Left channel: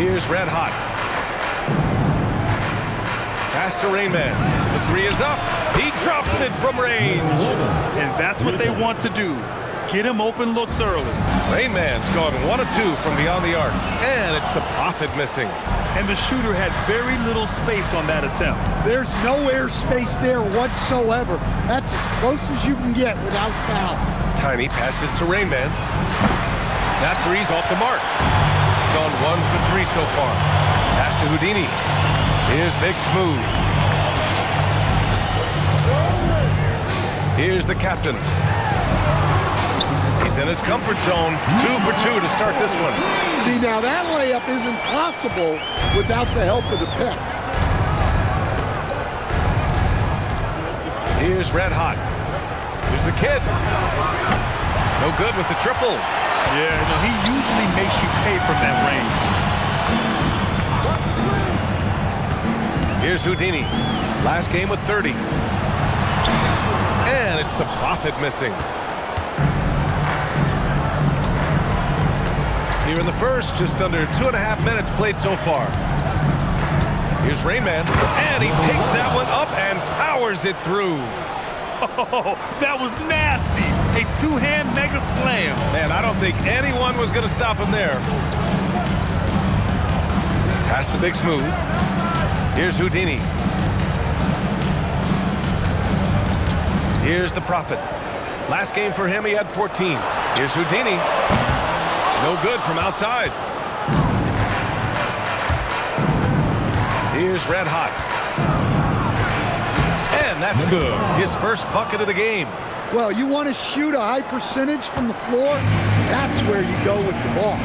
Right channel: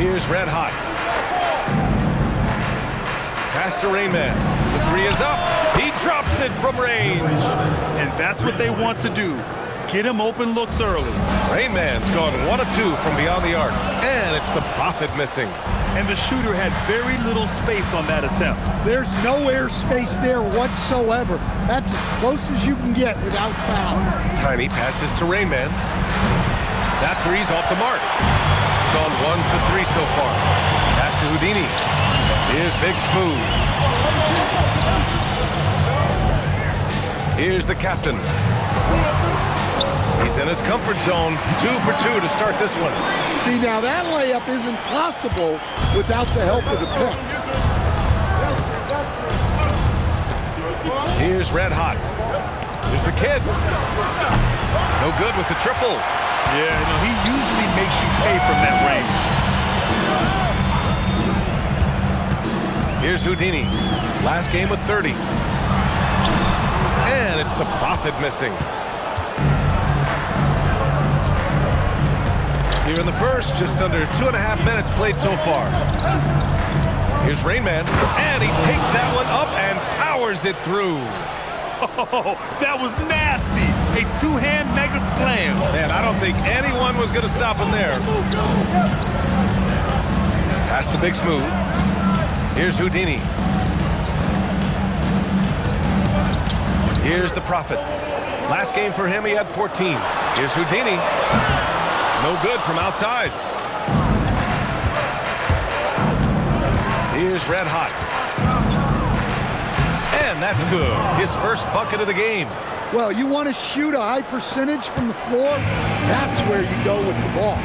Here's Red Hot. Pass to Rain Man. The three is up. He drops it from range. And that's what they want to do. Get him open looks early. Rain Man's gone 1 of 2 from beyond the arc. And it's the Prophet missing. And the shooter had very little space on that attempt. There's no air space there whatsoever. That's as close as you can get without foul. Tiny passes to Rain Man. That three's off the mark. Gone 1 for 3 so far. Pass to Houdini. Here's Big Smooth. Here's the captain. He's in his comfort zone. 2 for 2 to start this one. See, now that layup isn't possible without the help of the pick. Here's Red Hot. Here's the kid. No good with the triple. Yeah, no, he usually makes you pay from that range. Here's Houdini. Last game with 30. And it's the Prophet missing. Here in the first, just under 2.5 minutes played so far. Here's Rain Man, and he takes that one up and powers it through. Oh, that was nasty. A two-hand mega slam. Man, I don't think anyone was going to stop him there. Pass to Big Smooth. Here's Houdini. Here's the Prophet. Last game for him, he had 14. Here's Houdini. No good from outside. Here's Red Hot. And that's good. His first bucket of the game. Well, you want to shoot a high percentage from the floor? That's where you go with the ball.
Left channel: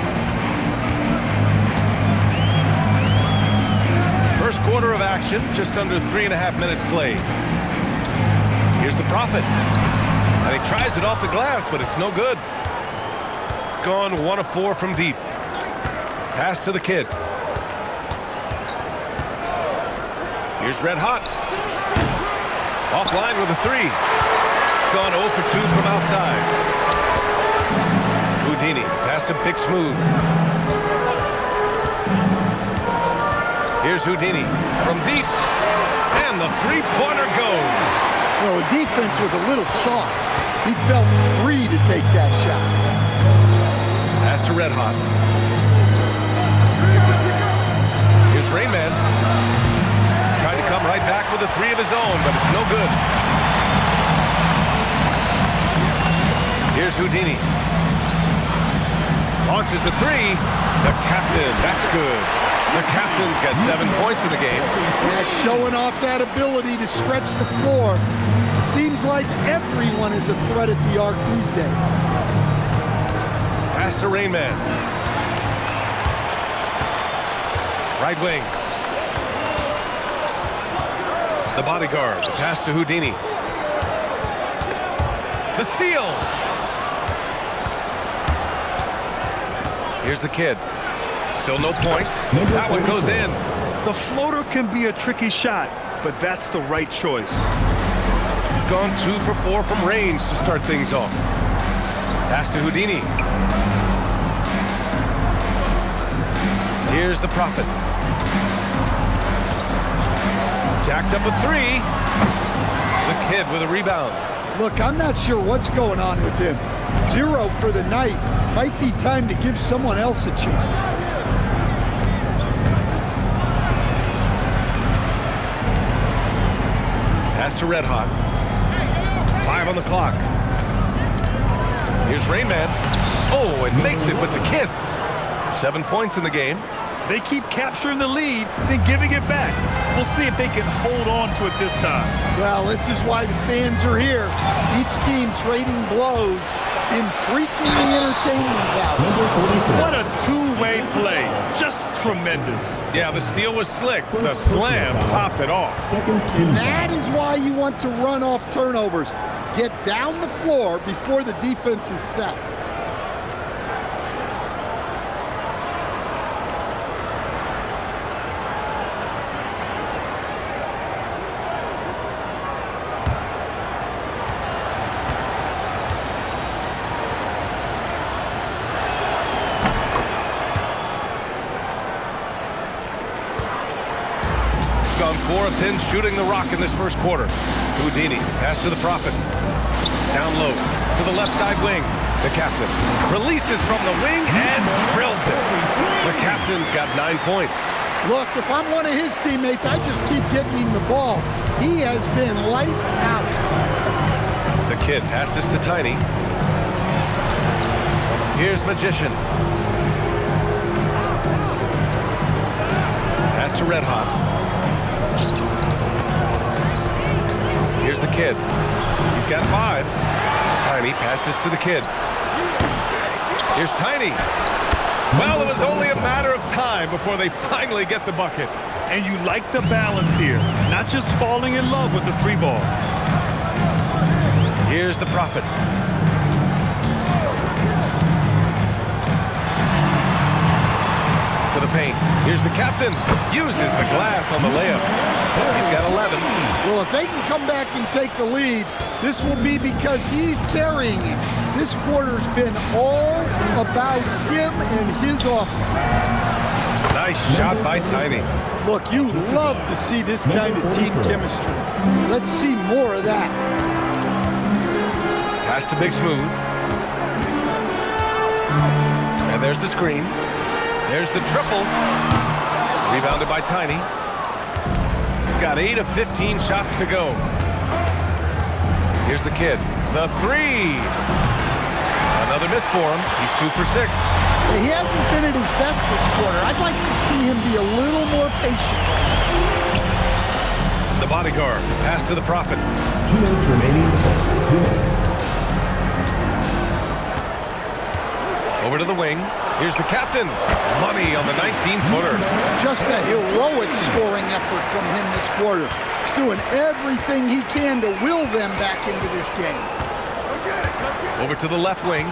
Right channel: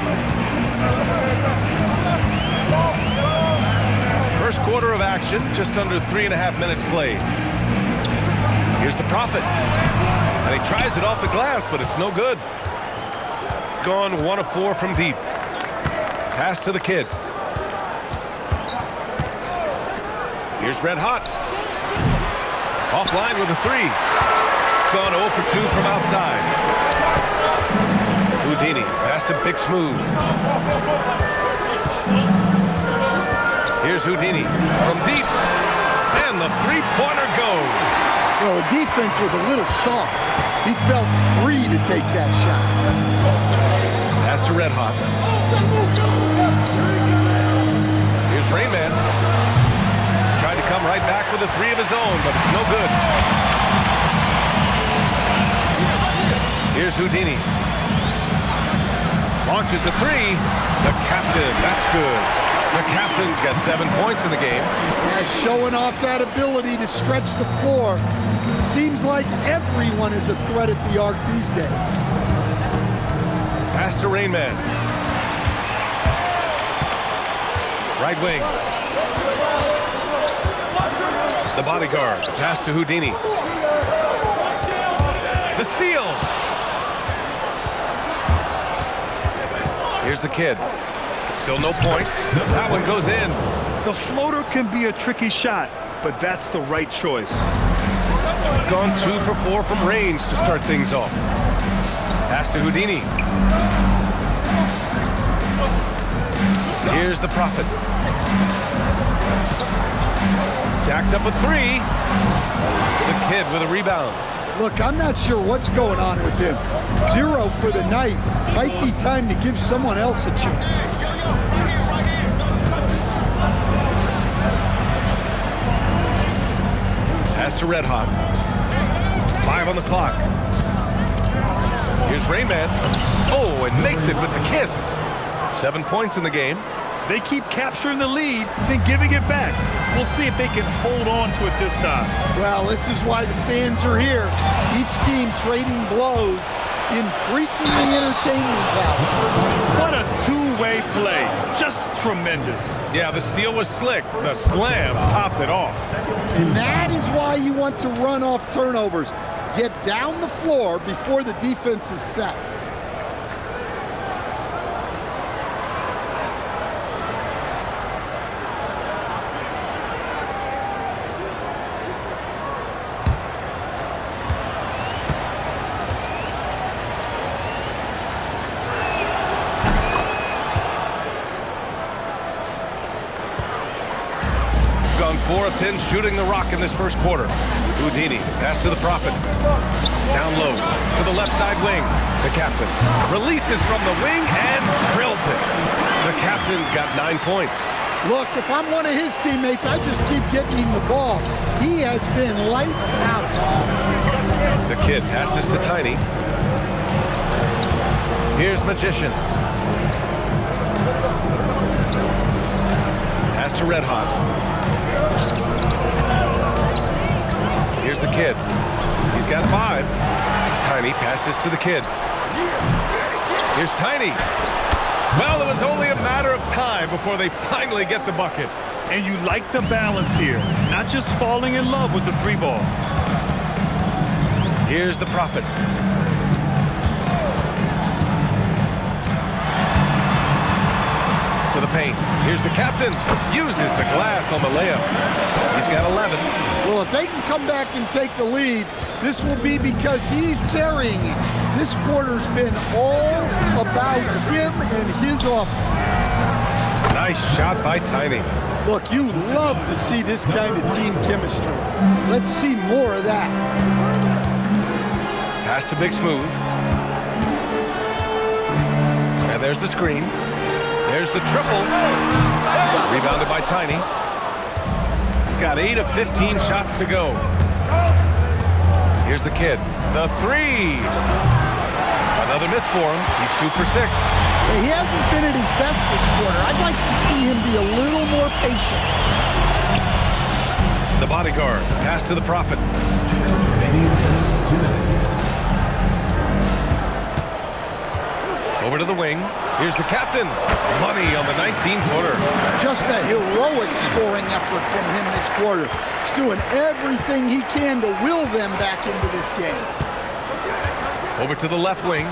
First quarter of action, just under 3.5 minutes played. Here's the Prophet. And he tries it off the glass, but it's no good. Gone 1 of 4 from deep. Pass to the kid. Here's Red Hot. Offline with a 3. Gone 0 for 2 from outside. Houdini, pass to Big Smooth. Here's Houdini from deep. And the three-pointer goes. Well, the defense was a little soft. He felt free to take that shot. Pass to Red Hot. Here's Rain Man. Tried to come right back with a 3 of his own, but it's no good. Here's Houdini. Launches a 3. The captain, that's good. The captain's got 7 points in the game. Yeah, showing off that ability to stretch the floor. Seems like everyone is a threat at the arc these days. Pass to Rain Man. Right wing. The bodyguard. The pass to Houdini. The steal. Here's the kid. Still no points. That one goes in. The floater can be a tricky shot, but that's the right choice. Gone 2 for 4 from range to start things off. Pass to Houdini. Here's the Prophet. Jacks up a 3. The kid with a rebound. Look, I'm not sure what's going on with him. 0 for the night. Might be time to give someone else a chance. Pass to Red Hot. 5 on the clock. Here's Rain Man. Oh, and makes it with the kiss. 7 points in the game. They keep capturing the lead, then giving it back. We'll see if they can hold on to it this time. Well, this is why the fans are here. Each team trading blows, increasing the entertainment value. What a two-way play. Just tremendous. Yeah, the steal was slick. The slam topped it off. And that is why you want to run off turnovers. Get down the floor before the defense is set. gone 4 of 10 shooting the rock in this first quarter. Houdini, pass to the Prophet. Down low to the left side wing. The captain releases from the wing and drills it. The captain's got 9 points. Look, if I'm one of his teammates, I just keep getting him the ball. He has been lights out. The kid passes to Tiny. Here's Magician. Pass to Red Hot. Here's the kid. He's got 5. Tiny passes to the kid. Here's Tiny. Well, it was only a matter of time before they finally get the bucket. And you like the balance here, not just falling in love with the 3-ball. Here's the Prophet. To the paint. Here's the captain. Uses the glass on the layup. He's got 11. Well, if they can come back and take the lead, this will be because he's carrying it. This quarter's been all about him and his offense. Nice shot by Tiny. Look, you love to see this kind of team chemistry. Let's see more of that. Pass to Big Smooth. And there's the screen. There's the triple. Rebounded by Tiny. Got 8 of 15 shots to go. Here's the kid. The 3. Another miss for him. He's 2 for 6. He hasn't been at his best this quarter. I'd like to see him be a little more patient. The bodyguard. Pass to the Prophet. 2 minutes remaining in the first. 2 minutes. Over to the wing. Here's the captain. Money on the 19-footer. Just a heroic scoring effort from him this quarter. He's doing everything he can to will them back into this game. Over to the left wing.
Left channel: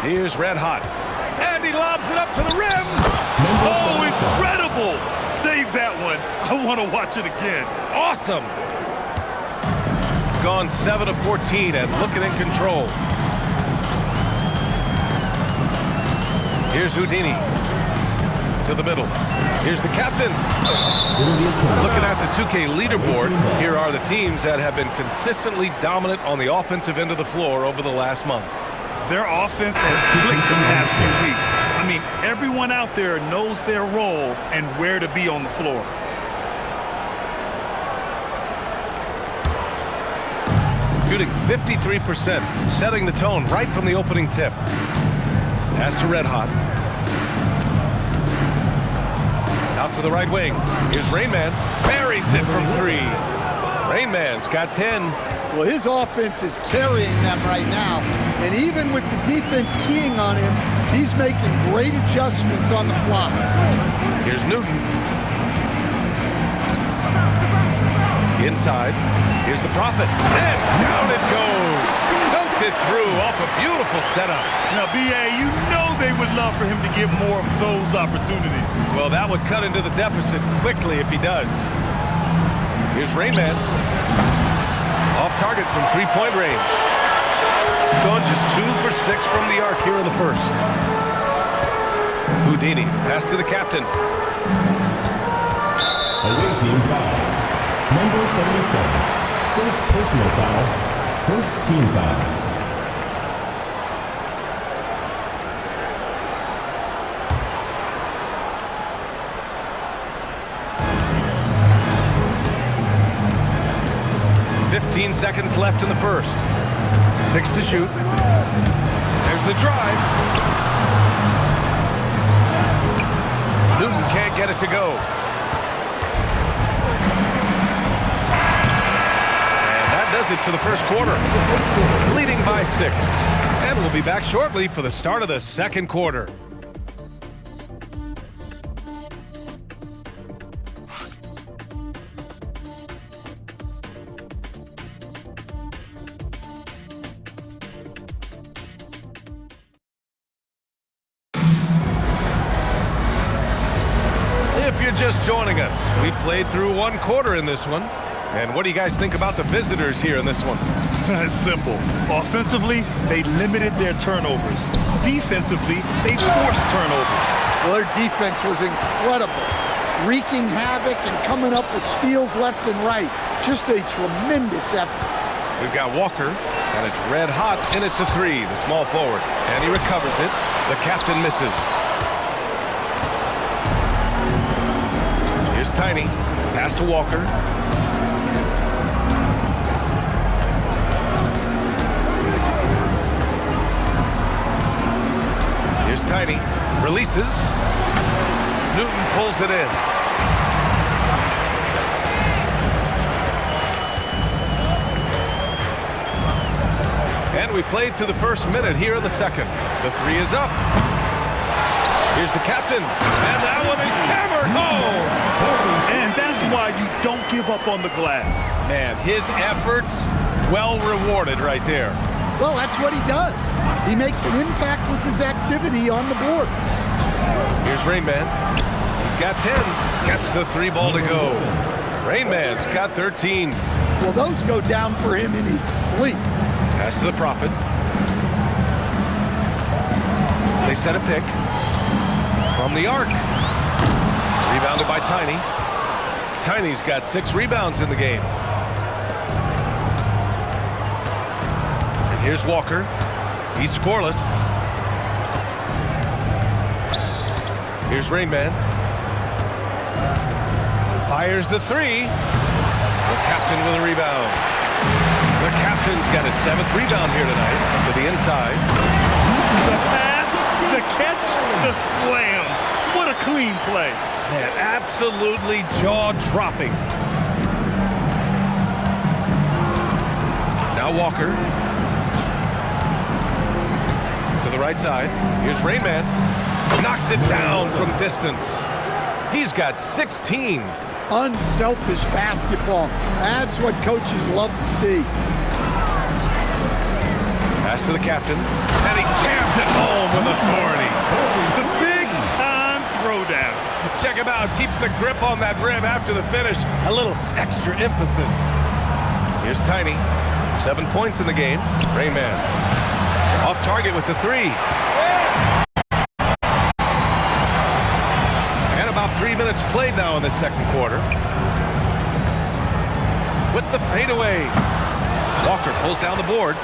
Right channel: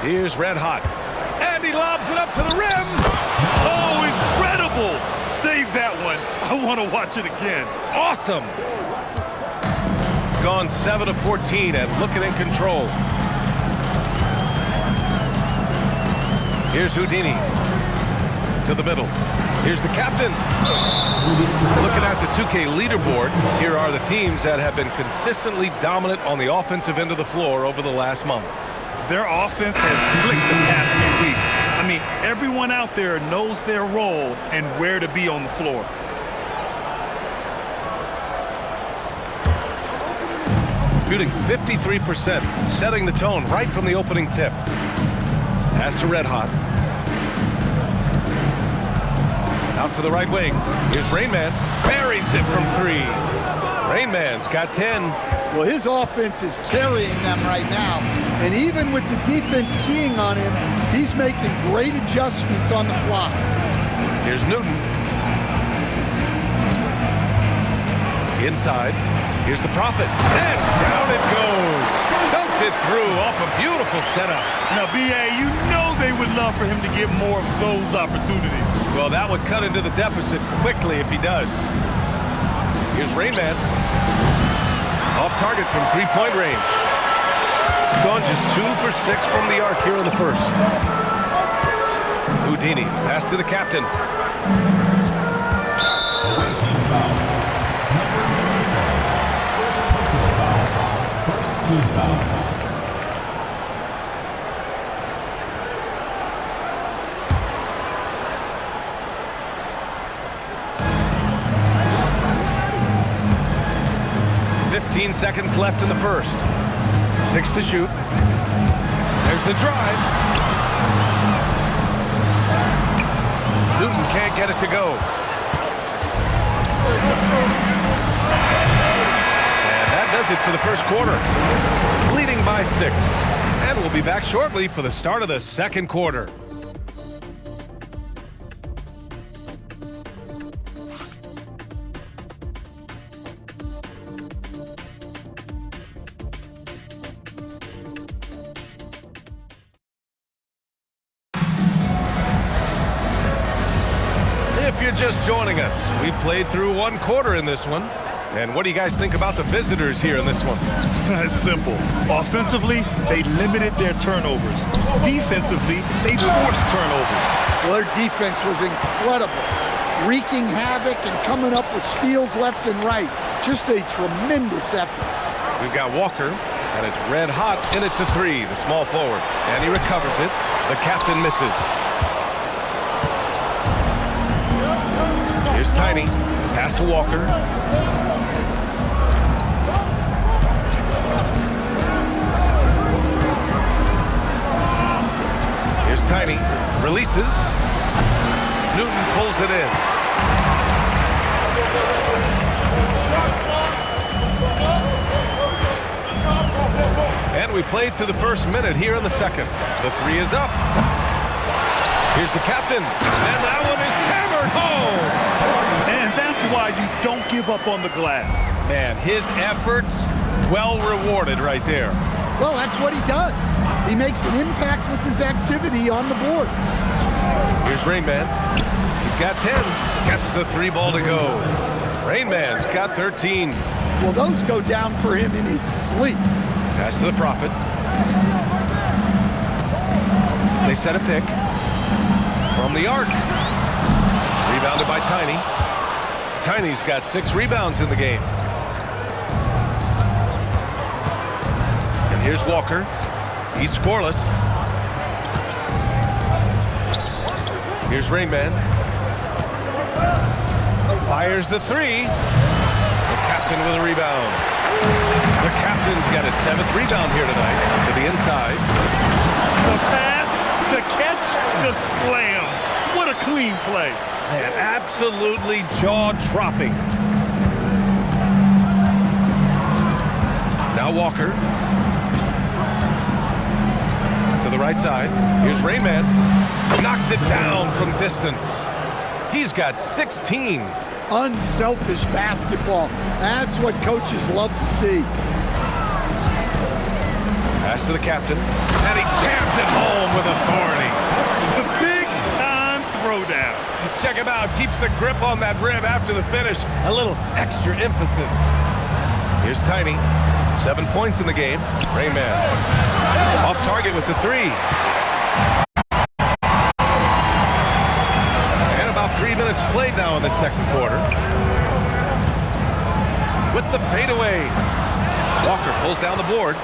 Here's Red Hot. And he lobs it up to the rim. Oh, incredible! Save that one. I want to watch it again. Awesome. Gone 7 of 14 and looking in control. Here's Houdini. To the middle. Here's the captain. Looking at the 2K leaderboard, here are the teams that have been consistently dominant on the offensive end of the floor over the last month. Their offense has clicked the past few weeks. I mean, everyone out there knows their role and where to be on the floor. Shooting 53%, setting the tone right from the opening tip. Pass to Red Hot. Out to the right wing. Here's Rain Man. Buries it from 3. Rain Man's got 10. Well, his offense is carrying them right now. And even with the defense keying on him, he's making great adjustments on the fly. Here's Newton. Inside. Here's the Prophet. And down it goes. Dunked it through off a beautiful setup. Now, BA, you know they would love for him to get more of those opportunities. Well, that would cut into the deficit quickly if he does. Here's Rain Man. Off target from 3-point range. Gone just 2 for 6 from the arc here in the first. Houdini, pass to the captain. Away team foul. Number 77. First personal foul. First team foul. "15 seconds left in the first. 6 to shoot. There's the drive. Newton can't get it to go. That does it for the first quarter. Leading by 6. And we'll be back shortly for the start of the second quarter. If you're just joining us, we played through 1 quarter in this one. And what do you guys think about the visitors here in this one? It's simple. Offensively, they limited their turnovers. Defensively, they forced turnovers. Well, their defense was incredible, wreaking havoc and coming up with steals left and right. Just a tremendous effort. We've got Walker, and it's red hot in it to three, the small forward. And he recovers it. The captain misses. Here's Tiny. Pass to Walker. Here's Tiny. Releases. Newton pulls it in. And we played through the first minute here in the second. The three is up. Here's the captain. And that one is hammered home. And that's why you don't give up on the glass. Man, his efforts well rewarded right there. Well, that's what he does. He makes an impact with his activity on the board. Here's Rain Man. He's got 10. Gets the three ball to go. Rain Man's got 13. Well, those go down for him in his sleep. Pass to the Prophet. They set a pick from the arc. Rebounded by Tiny. Tiny's got 6 rebounds in the game. And here's Walker. He's scoreless. Here's Rain Man. Fires the three. The captain with a rebound. The captain's got his 7th rebound here tonight to the inside. The pass, the catch, the slam. What a clean play. Man, absolutely jaw-dropping. Now Walker. To the right side. Here's Rain Man. Knocks it down from distance. He's got 16. Unselfish basketball. That's what coaches love to see. Pass to the captain. And he jams it home with authority. The big-time throwdown. Check him out. Keeps the grip on that rim after the finish. A little extra emphasis. Here's Tiny. 7 points in the game. Rain Man. Off target with the three. And about 3 minutes played now in the second quarter. With the fadeaway. Walker pulls down the board.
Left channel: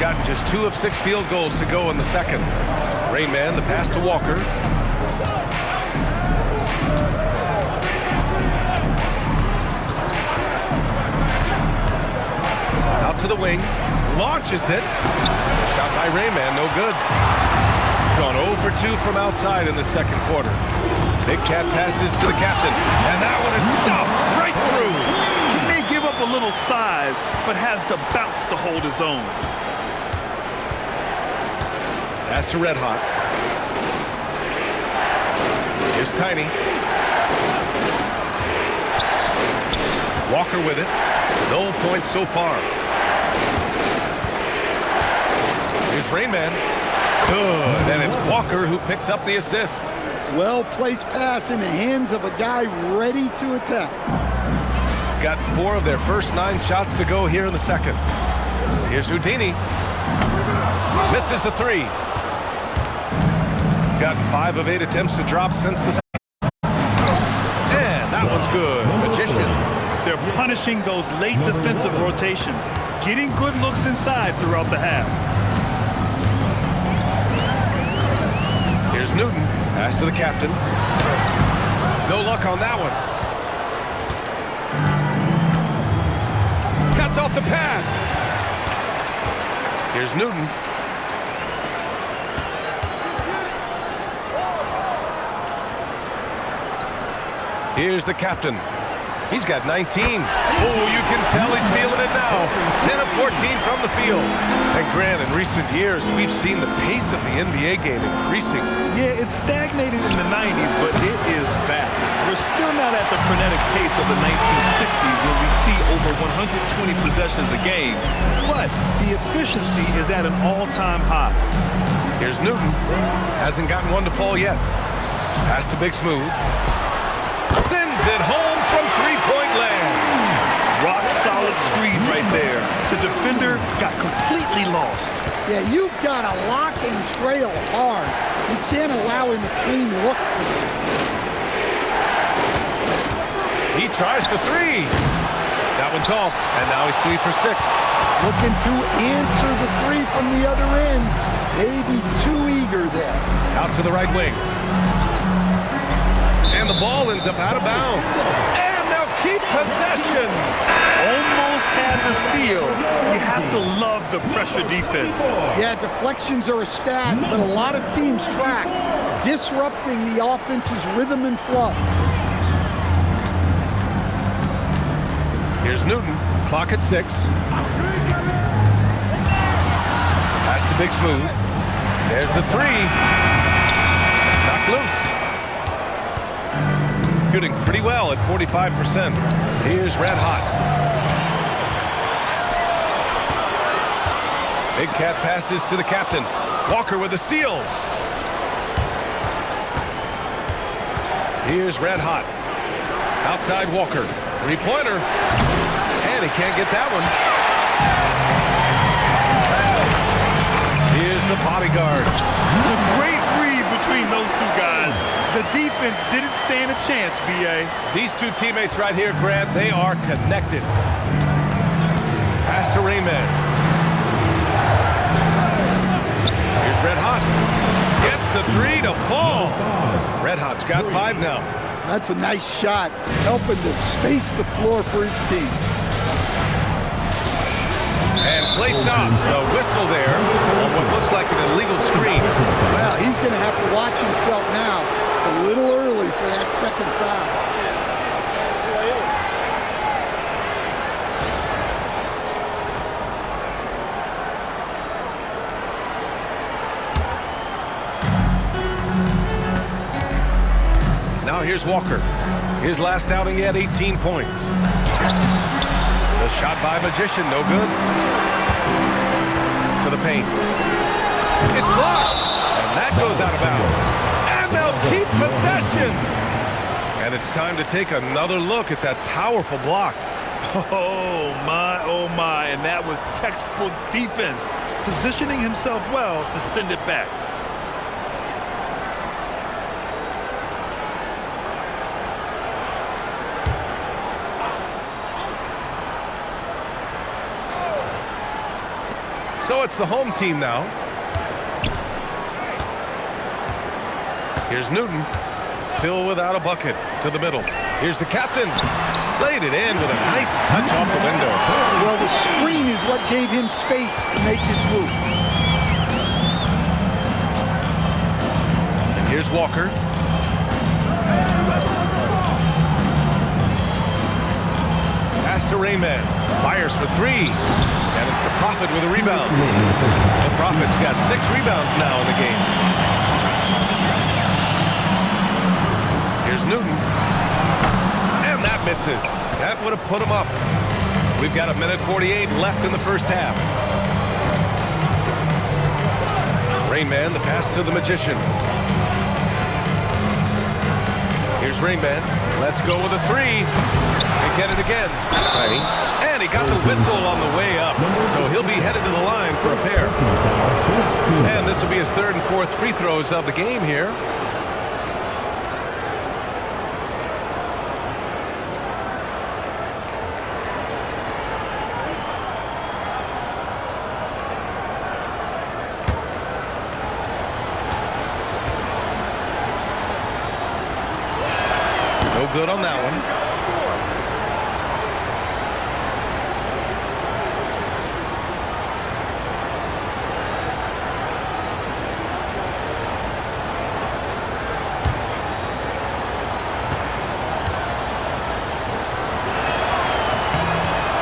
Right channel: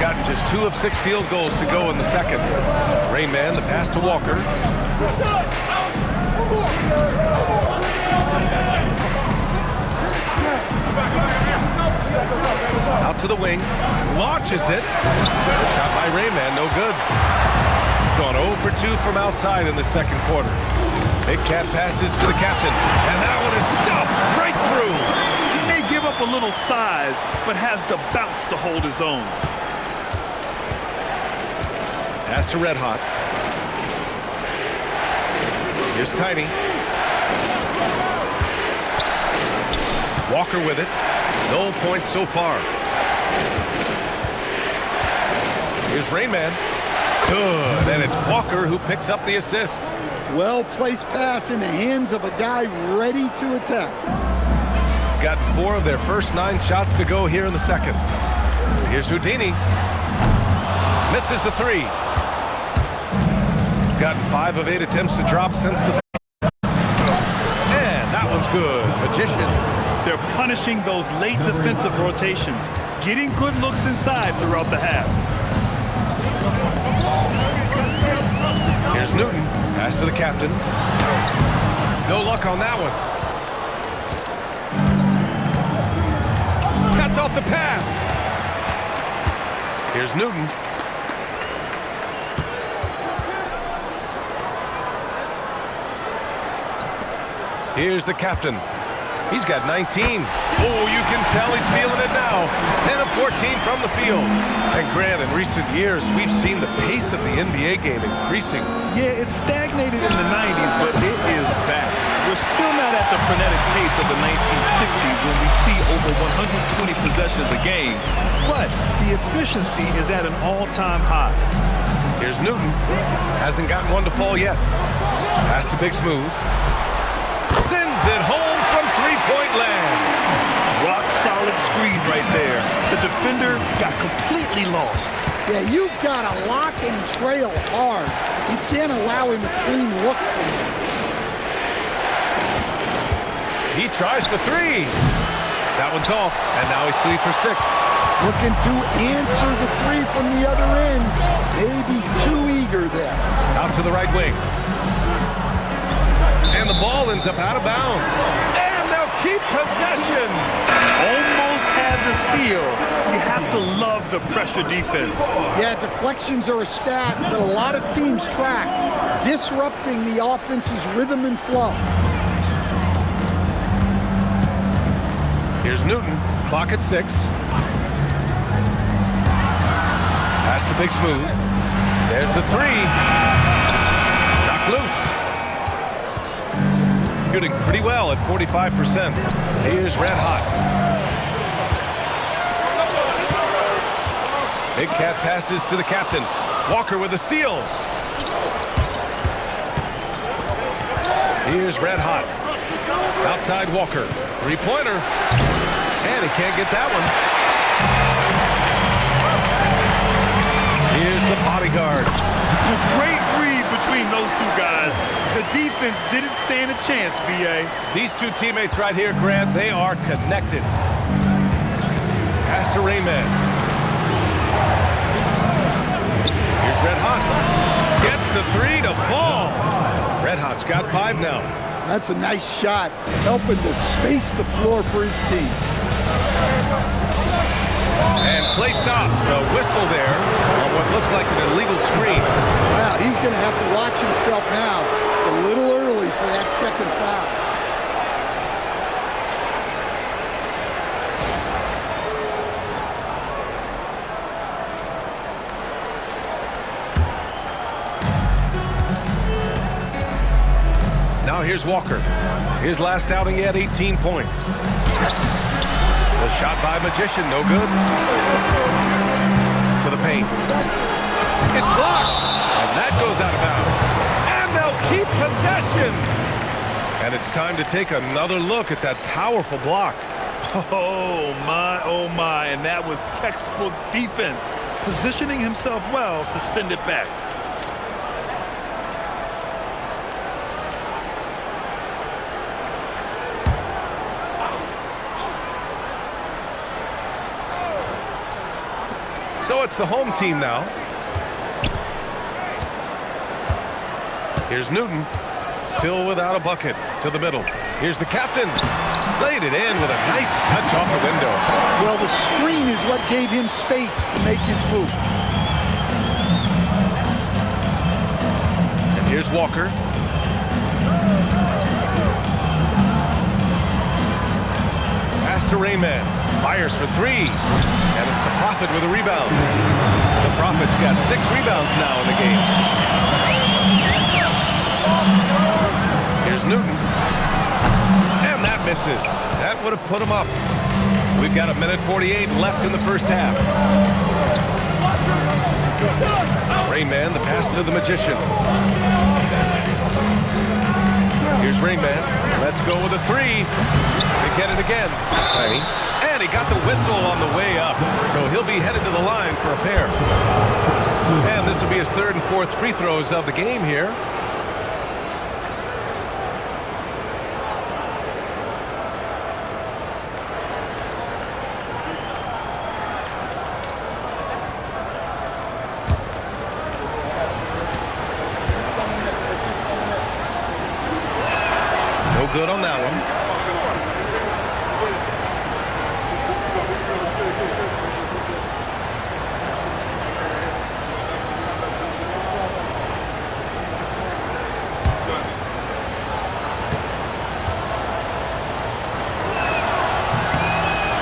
Gotten just 2 of 6 field goals to go in the second. Rain Man, the pass to Walker. Out to the wing. Launches it. A shot by Rain Man, no good. Gone 0 for 2 from outside in the second quarter. Big Cat passes to the captain. And that one is stuffed right through. He may give up a little size, but has the bounce to hold his own. Pass to Red Hot. Here's Tiny. Walker with it. No points so far. Here's Rain Man. Good. And it's Walker who picks up the assist. Well-placed pass in the hands of a guy ready to attack. Gotten 4 of their first 9 shots to go here in the second. Here's Houdini. Misses the three. Gotten 5 of 8 attempts to drop since the second. And that one's good. Magician. They're punishing those late defensive rotations, getting good looks inside throughout the half. Here's Newton. Pass to the captain. No luck on that one. Cuts off the pass. Here's Newton. Here's the captain. He's got 19. Oh, you can tell he's feeling it now. 10 of 14 from the field. And Grant, in recent years, we've seen the pace of the NBA game increasing. Yeah, it stagnated in the 90s, but it is back. We're still not at the frenetic pace of the 1960s when we see over 120 possessions a game, but the efficiency is at an all-time high. Here's Newton. Hasn't gotten one to fall yet. Pass to Big Smooth. Sends it home from three-point land. Rock-solid screen right there. The defender got completely lost. Yeah, you've got to lock and trail hard. You can't allow him a clean look from you. He tries for three. That one's off, and now he's 3 for 6. Looking to answer the three from the other end. Maybe too eager there. Out to the right wing. And the ball ends up out of bounds. And they'll keep possession. Almost had the steal. You have to love the pressure defense. Yeah, deflections are a stat, but a lot of teams track, disrupting the offense's rhythm and flow. Here's Newton, clock at 6. Pass to Big Smooth. There's the three. Knocked loose. Shooting pretty well at 45%. Here's Red Hot. Big Cat passes to the captain. Walker with a steal. Here's Red Hot. Outside Walker. Three-pointer. And he can't get that one. Here's the bodyguard. A great read between those two guys. The defense didn't stand a chance, B.A. These two teammates right here, Grant, they are connected. Pass to Rainman. Here's Red Hot. Gets the three to fall. Red Hot's got 5 now. That's a nice shot, helping to space the floor for his team. And play stops. A whistle there on what looks like an illegal screen. Well, he's going to have to watch himself now. It's a little early for that second foul. Now here's Walker. His last outing, he had 18 points. The shot by Magician, no good. To the paint. It's blocked, and that goes out of bounds. And they'll keep possession. And it's time to take another look at that powerful block. Oh, my, and that was textbook defense, positioning himself well to send it back. So it's the home team now. Here's Newton, still without a bucket, to the middle. Here's the captain. Laid it in with a nice touch off the window. Well, the screen is what gave him space to make his move. And here's Walker. Pass to Rainman. Fires for three. And it's the Prophet with a rebound. The Prophet's got 6 rebounds now in the game. Here's Newton. And that misses. That would have put him up. We've got 1:48 left in the first half. Rainman, the pass to the Magician. Here's Rainman. Let's go with a three. They get it again. Tiny. And he got the whistle on the way up. So he'll be headed to the line for a pair. And this will be his 3rd and 4th free throws of the game here. No good on that one.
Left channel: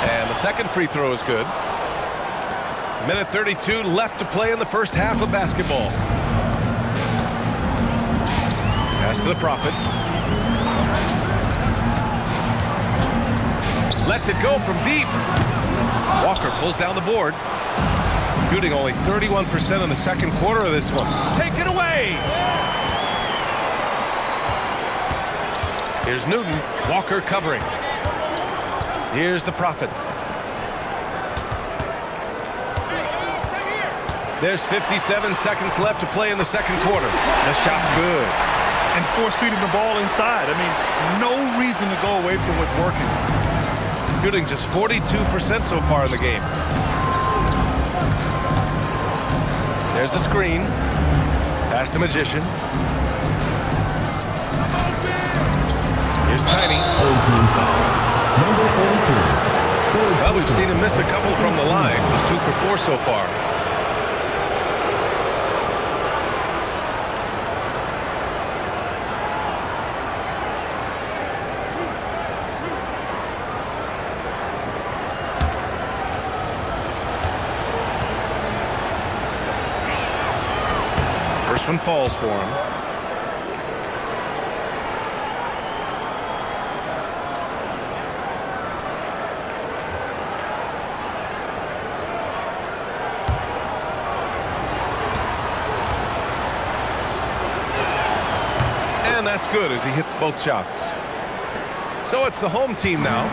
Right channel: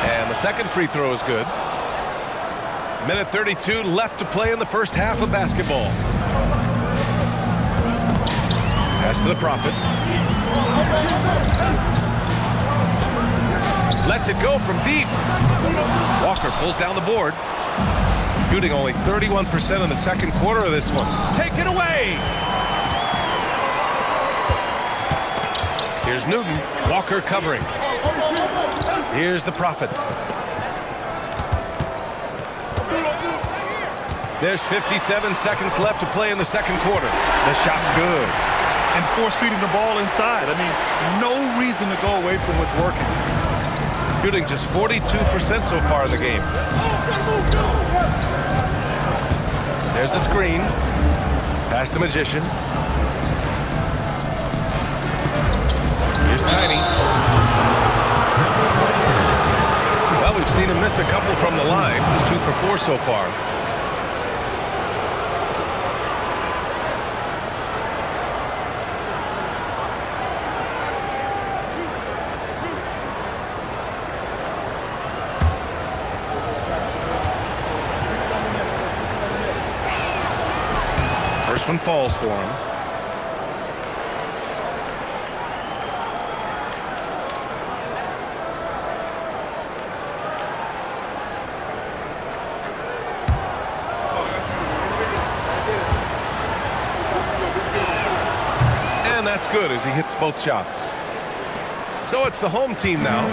And the second free throw is good. 1:32 left to play in the first half of basketball. Pass to the Prophet. Lets it go from deep. Walker pulls down the board. Shooting only 31% in the second quarter of this one. Take it away! Here's Newton. Walker covering. Here's the Prophet. There's 57 seconds left to play in the second quarter. The shot's good. And force feeding the ball inside. I mean, no reason to go away from what's working. Shooting just 42% so far in the game. There's a screen. Pass to Magician. Here's Tiny. Well, we've seen him miss a couple from the line. He's 2 for 4 so far. First one falls for him. And that's good as he hits both shots. So it's the home team now.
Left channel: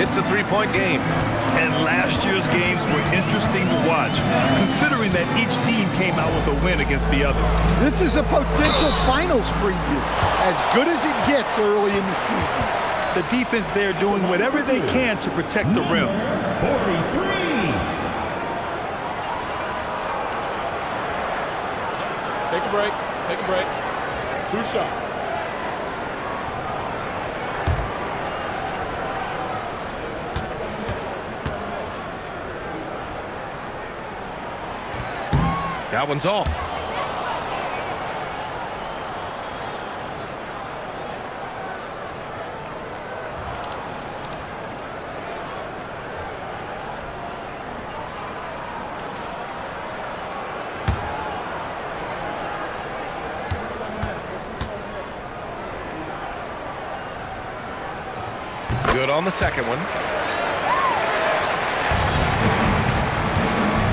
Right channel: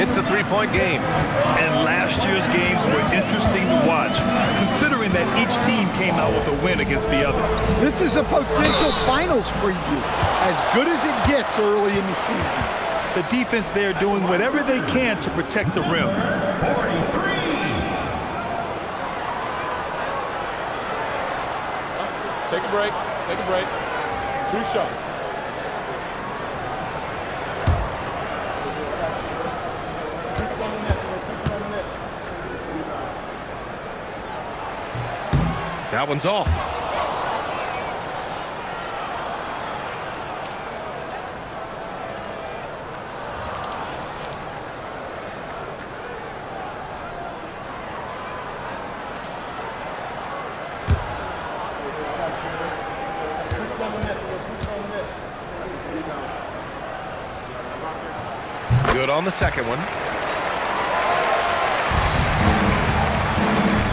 It's a three-point game. And last year's games were interesting to watch, considering that each team came out with a win against the other. This is a potential finals preview, as good as it gets early in the season. The defense there doing whatever they can to protect the rim. 43. Take a break. Take a break. 2 shots. That one's off. Good on the second one.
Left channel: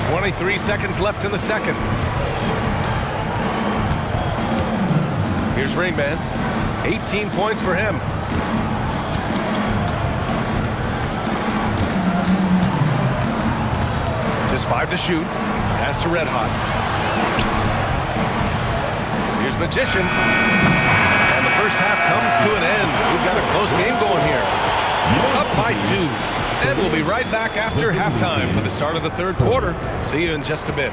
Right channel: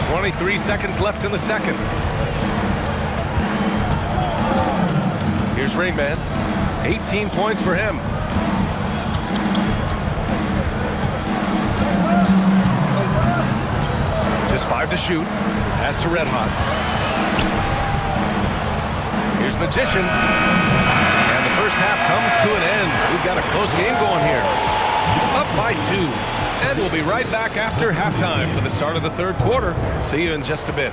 23 seconds left in the second. Here's Rain Man. 18 points for him. Just 5 to shoot. Pass to Red Hot. Here's Magician. And the first half comes to an end. We've got a close game going here. Up by 2. And we'll be right back after halftime for the start of the third quarter. See you in just a bit.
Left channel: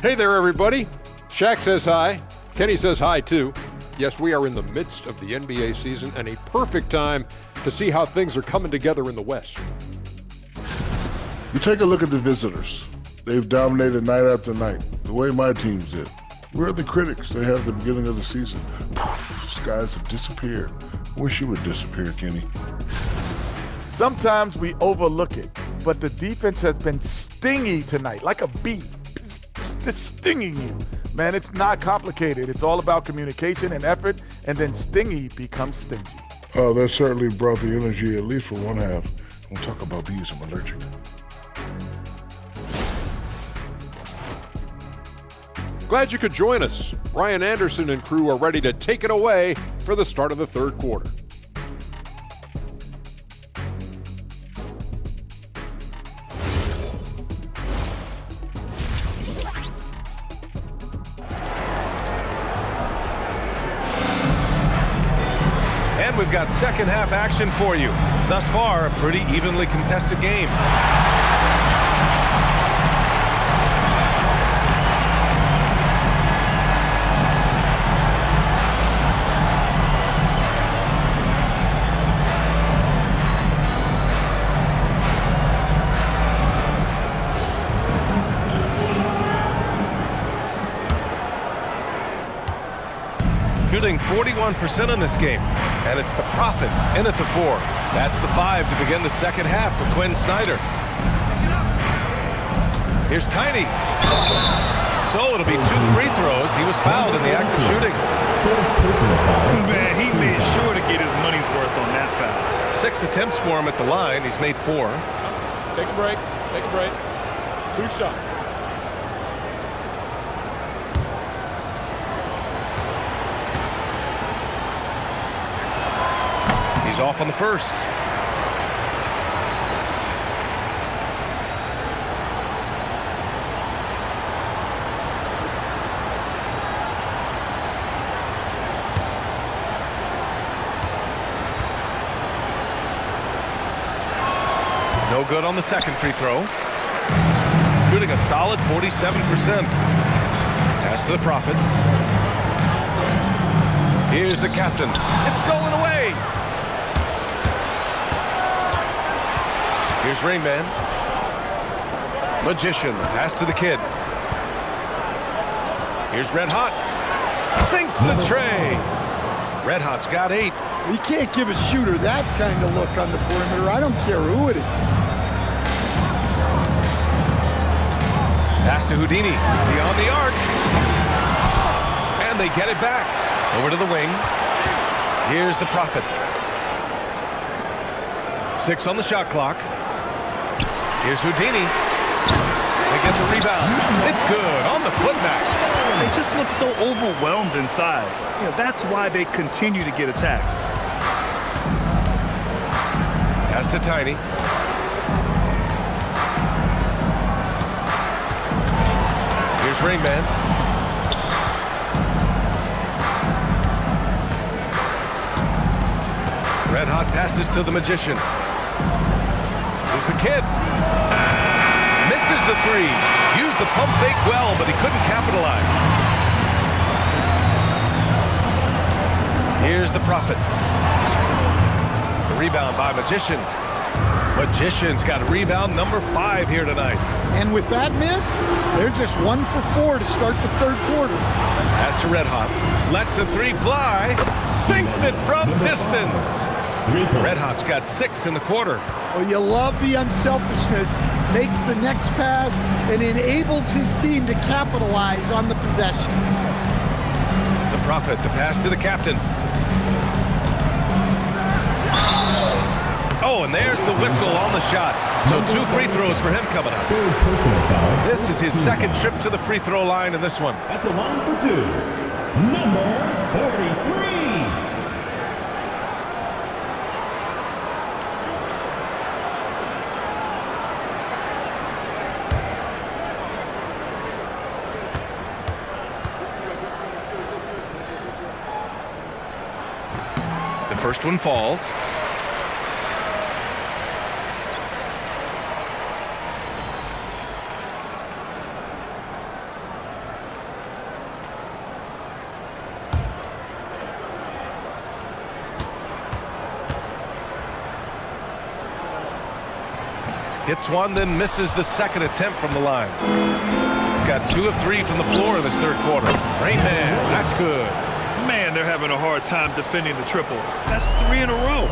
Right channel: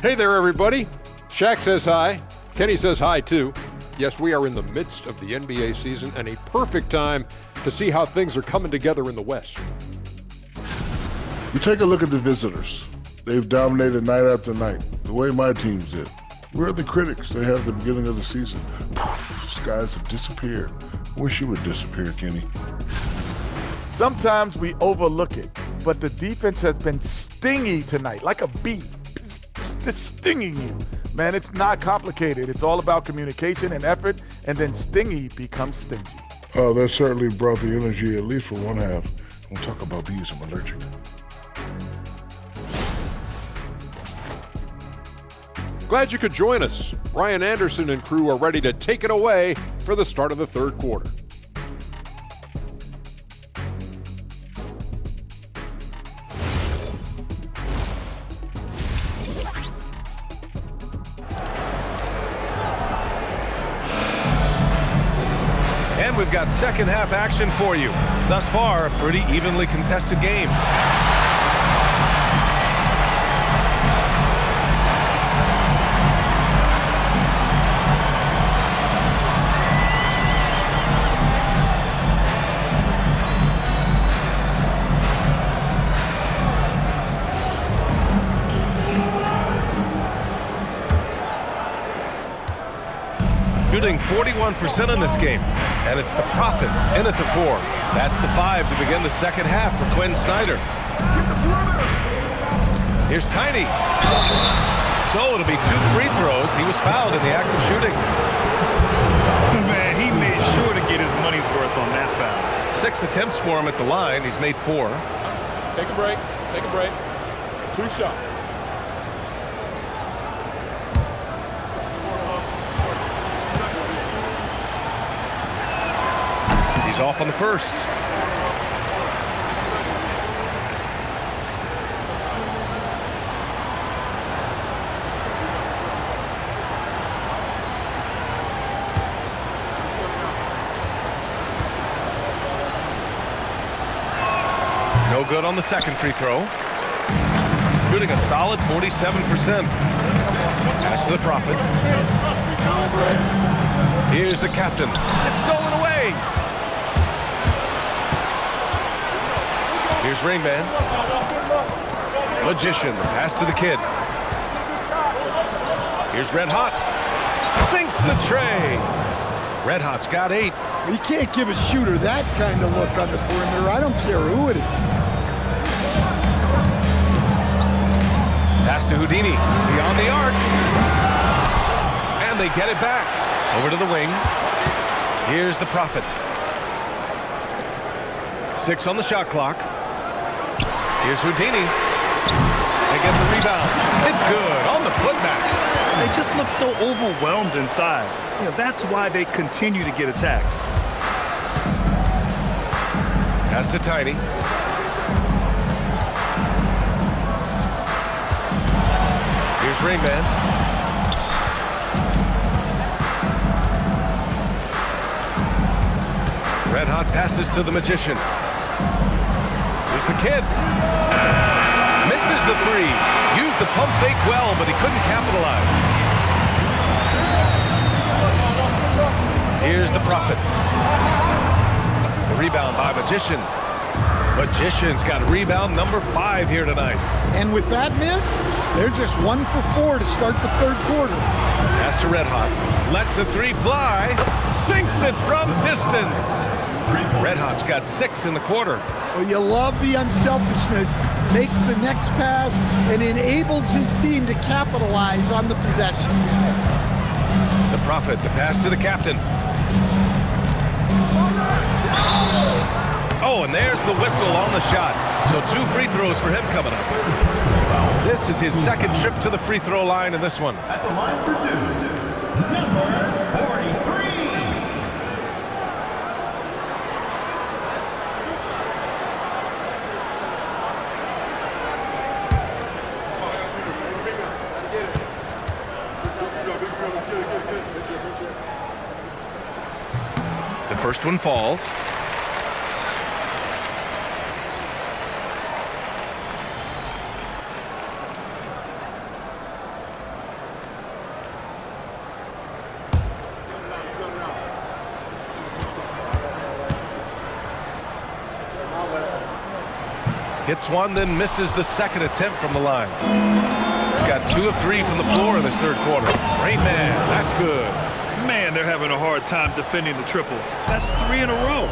Hey there, everybody. Shaq says hi. Kenny says hi, too. Yes, we are in the midst of the NBA season and a perfect time to see how things are coming together in the West. You take a look at the visitors. They've dominated night after night, the way my teams did. We're the critics. They had at the beginning of the season. Skies have disappeared. Wish you would disappear, Kenny. Sometimes we overlook it, but the defense has been stingy tonight, like a bee. Just stinging you. Man, it's not complicated. It's all about communication and effort, and then stingy becomes stingy. Oh, that certainly brought the energy, at least for one half. We'll talk about bees. I'm allergic. Glad you could join us. Brian Anderson and crew are ready to take it away for the start of the third quarter. And we've got second half action for you. Thus far, a pretty evenly contested game. Shooting 41% in this game, and it's the Prophet in at the 4. That's the 5 to begin the second half for Quinn Snyder. Here's Tiny. So it'll be 2 free throws. He was fouled in the act of shooting. personal foul. Man, he made sure to get his money's worth on that foul. 6 attempts for him at the line. He's made 4. Take a break. Take a break. 2 shots. He's off on the first. No good on the second free throw. Shooting a solid 47%. Pass to the Prophet. Here's the captain. It's stolen away. Here's Rain Man. Magician, the pass to the kid. Here's Red Hot. Sinks the tray. Red Hot's got 8. You can't give a shooter that kind of look on the perimeter. I don't care who it is. Pass to Houdini. Beyond the arc. And they get it back. Over to the wing. Here's the Prophet. 6 on the shot clock. Here's Houdini. They get the rebound. It's good on the putback. They just look so overwhelmed inside. You know, that's why they continue to get attacked. Pass to Tiny. Here's Rain Man. Red Hot passes to the Magician. Here's the kid. Misses the 3. Used the pump fake well, but he couldn't capitalize. Here's the Prophet. The rebound by Magician. Magician's got a rebound number 5 here tonight. And with that miss, they're just 1 for 4 to start the third quarter. Pass to Red Hot. Lets the 3 fly. Sinks it from distance. 3 points. Red Hot's got 6 in the quarter. Well, you love the unselfishness. Makes the next pass and enables his team to capitalize on the possession. The Prophet, the pass to the captain. Oh, and there's the whistle on the shot. So 2 free throws for him coming up. Third personal foul. This is his second trip to the free throw line in this one. At the line for 2, number 43. The first one falls. Hits one, then misses the second attempt from the line. Got 2 of 3 from the floor in this third quarter. Rain Man, that's good. Man, they're having a hard time defending the triple. That's 3 in a row.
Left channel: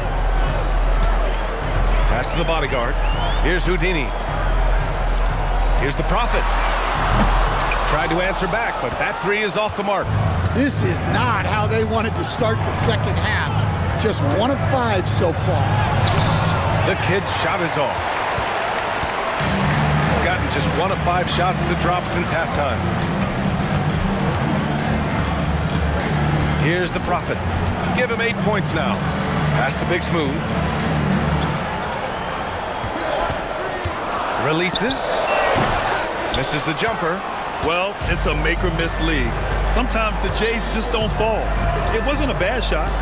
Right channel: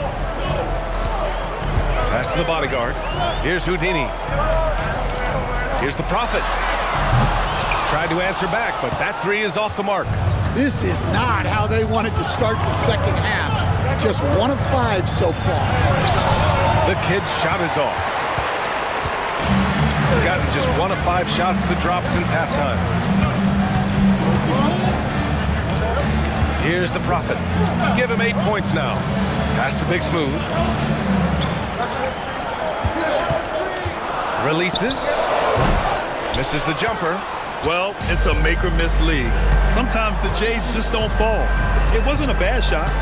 Pass to the bodyguard. Here's Houdini. Here's the Prophet. Tried to answer back, but that 3 is off the mark. This is not how they wanted to start the second half. Just 1 of 5 so far. The kid's shot is off. Gotten just 1 of 5 shots to drop since halftime. Here's the Prophet. Give him 8 points now. Pass to Big Smooth. Releases. Misses the jumper. Well, it's a make or miss league. Sometimes the Jays just don't fall. It wasn't a bad shot.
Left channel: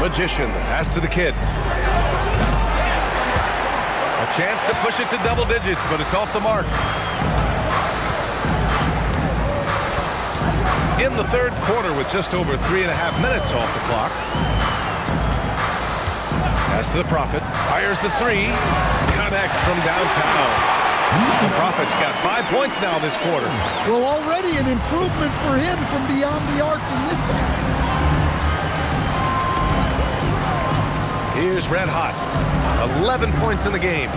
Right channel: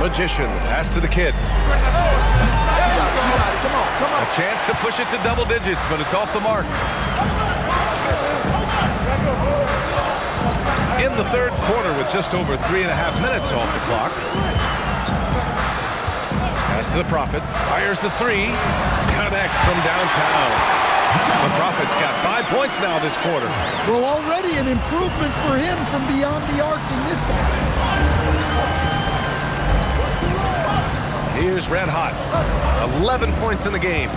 Magician, the pass to the kid. A chance to push it to double digits, but it's off the mark. In the third quarter with just over 3.5 minutes off the clock. Pass to the Prophet. Fires the 3. Connects from downtown. The Prophet's got 5 points now this quarter. Well, already an improvement for him from beyond the arc in this half. Here's Red Hot. 11 points in the game.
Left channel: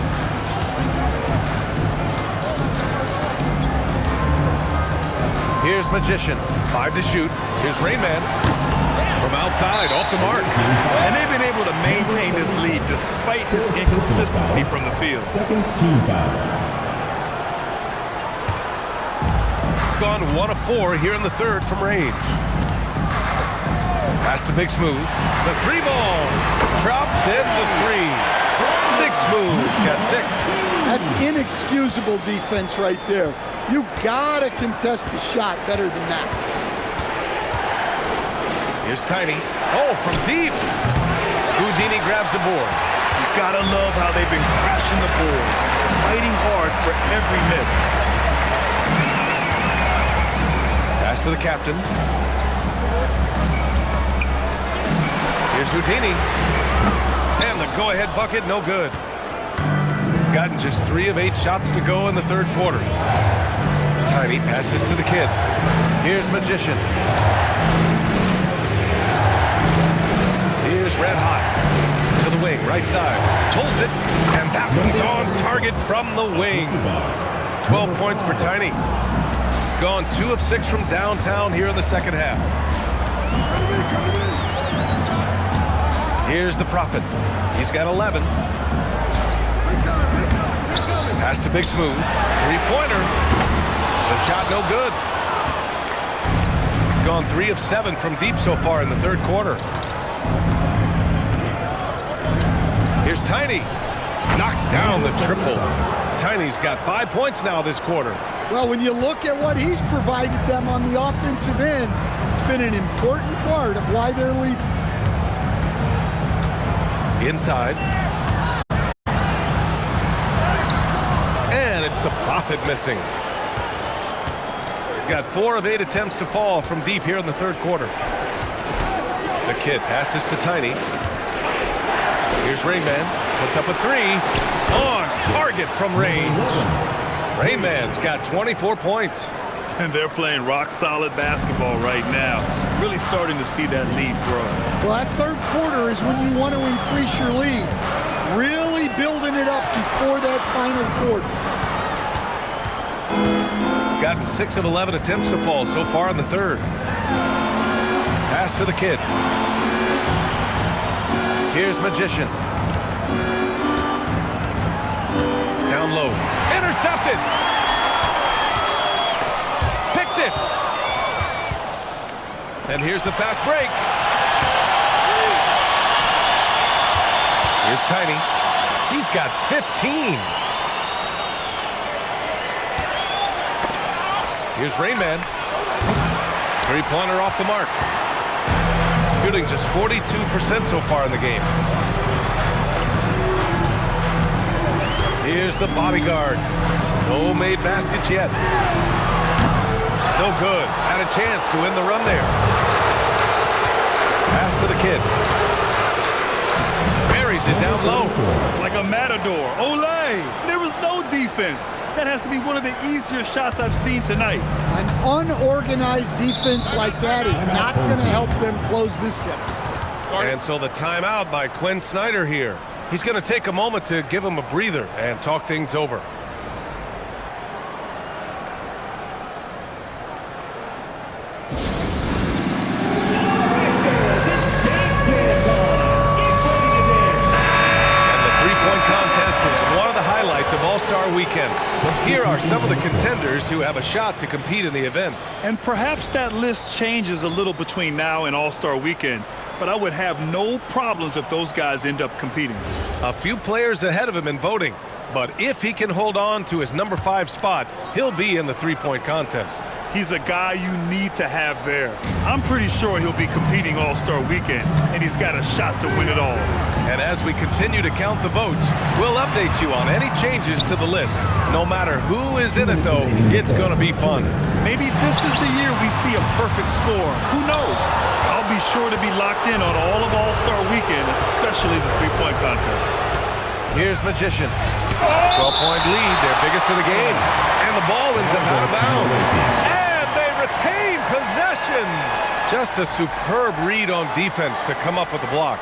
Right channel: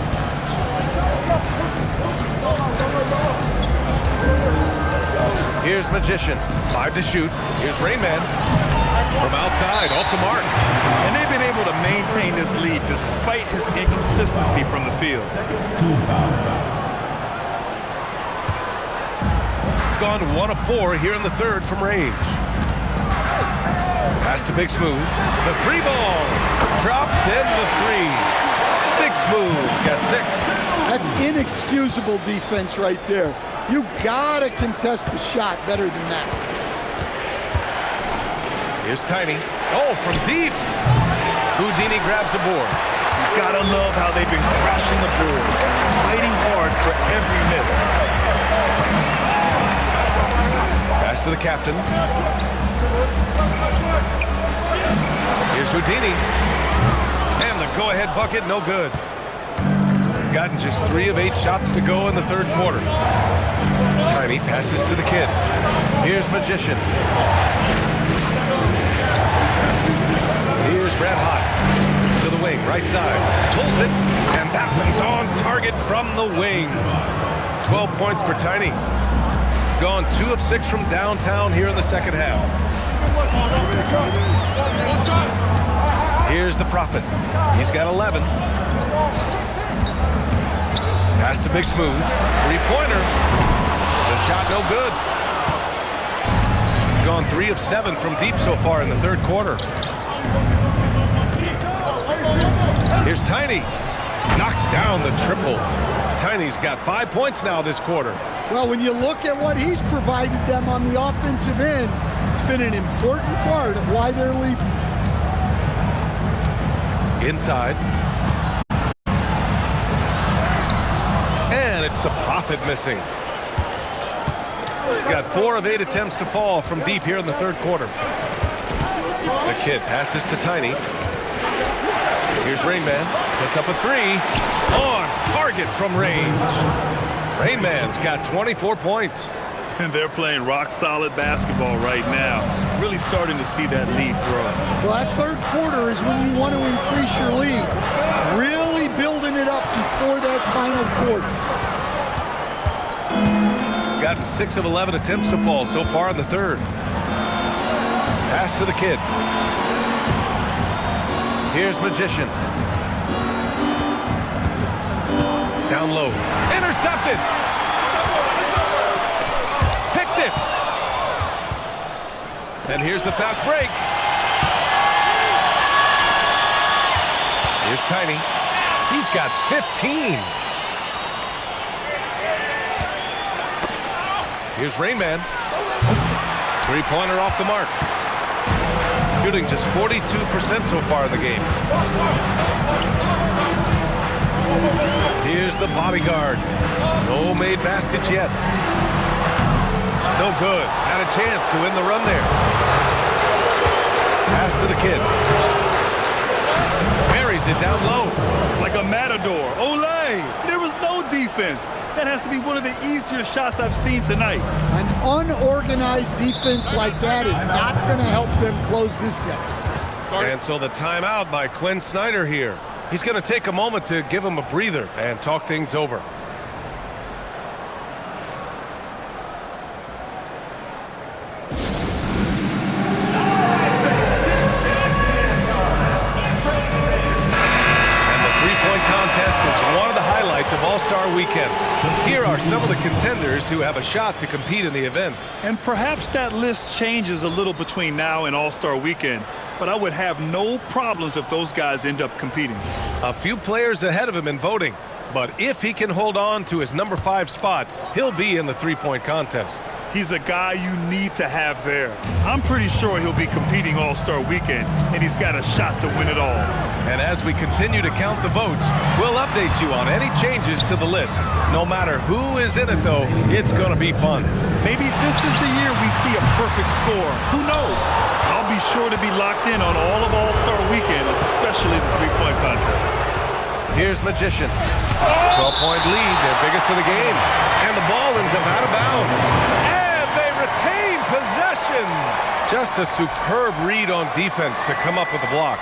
Here's Magician. 5 to shoot. Here's Rain Man. From outside, off the mark. And they've been able to maintain this lead despite his inconsistency from the field. Second team foul. Gone 1 of 4 here in the third from range. Pass to Big Smooth. The 3 ball. Drops in the 3. Big Smooth's got 6. That's inexcusable defense right there. You gotta contest the shot better than that. Here's Tiny. Oh, from deep. Houdini grabs a board. You gotta love how they've been crashing the boards, fighting hard for every miss. Pass to the captain. Here's Houdini. And the go-ahead bucket, no good. Gotten just 3 of 8 shots to go in the third quarter. Tiny passes to the kid. Here's Magician. Here's Red Hot. To the wing, right side. Pulls it, and that one's on target from the wing. 12 points for Tiny. Gone 2 of 6 from downtown here in the second half. Here's the Prophet. He's got 11. Pass to Big Smooth. 3-pointer. The shot no good. Gone 3 of 7 from deep so far in the third quarter. Here's Tiny. Knocks down the triple. Tiny's got 5 points now this quarter. Well, when you look at what he's provided them on the offensive end, it's been an important part of why they're leading. Inside. And it's the Prophet missing. Got 4 of 8 attempts to fall from deep here in the third quarter. The kid passes to Tiny. Here's Rain Man. Puts up a 3. On target from range. Rain Man's got 24 points. And they're playing rock-solid basketball right now. Really starting to see that lead grow. Well, that third quarter is when you want to increase your lead. Really building it up before that final quarter. Gotten 6 of 11 attempts to fall so far in the third. Pass to the kid. Here's Magician. Down low. Intercepted. Picked it. And here's the fast break. Here's Tiny. He's got 15. Here's Rain Man. 3-pointer off the mark. Shooting just 42% so far in the game. Here's the bodyguard. No made baskets yet. No good. Had a chance to win the run there. Pass to the kid. Buries it down low. Like a matador. Olay! There was no defense. That has to be one of the easier shots I've seen tonight. An unorganized defense like that is not going to help them close this deficit. And so the timeout by Quinn Snyder here. He's going to take a moment to give him a breather and talk things over. Three-point contest is one of the highlights of All-Star Weekend. Here are some of the contenders who have a shot to compete in the event. And perhaps that list changes a little between now and All-Star Weekend, but I would have no problems if those guys end up competing. A few players ahead of him in voting, but if he can hold on to his number 5 spot, he'll be in the three-point contest. He's a guy you need to have there. I'm pretty sure he'll be competing All-Star Weekend, and he's got a shot to win it all. And as we continue to count the votes, we'll update you on any changes to the list. No matter who is in it, though, it's going to be fun. Maybe this is the year we see a perfect score. Who knows? I'll be sure to be locked in on all of All-Star Weekend, especially the three-point contest. Here's Magician. 12-point lead, their biggest of the game. And the ball ends up out of bounds. And they retain possession. Just a superb read on defense to come up with the block.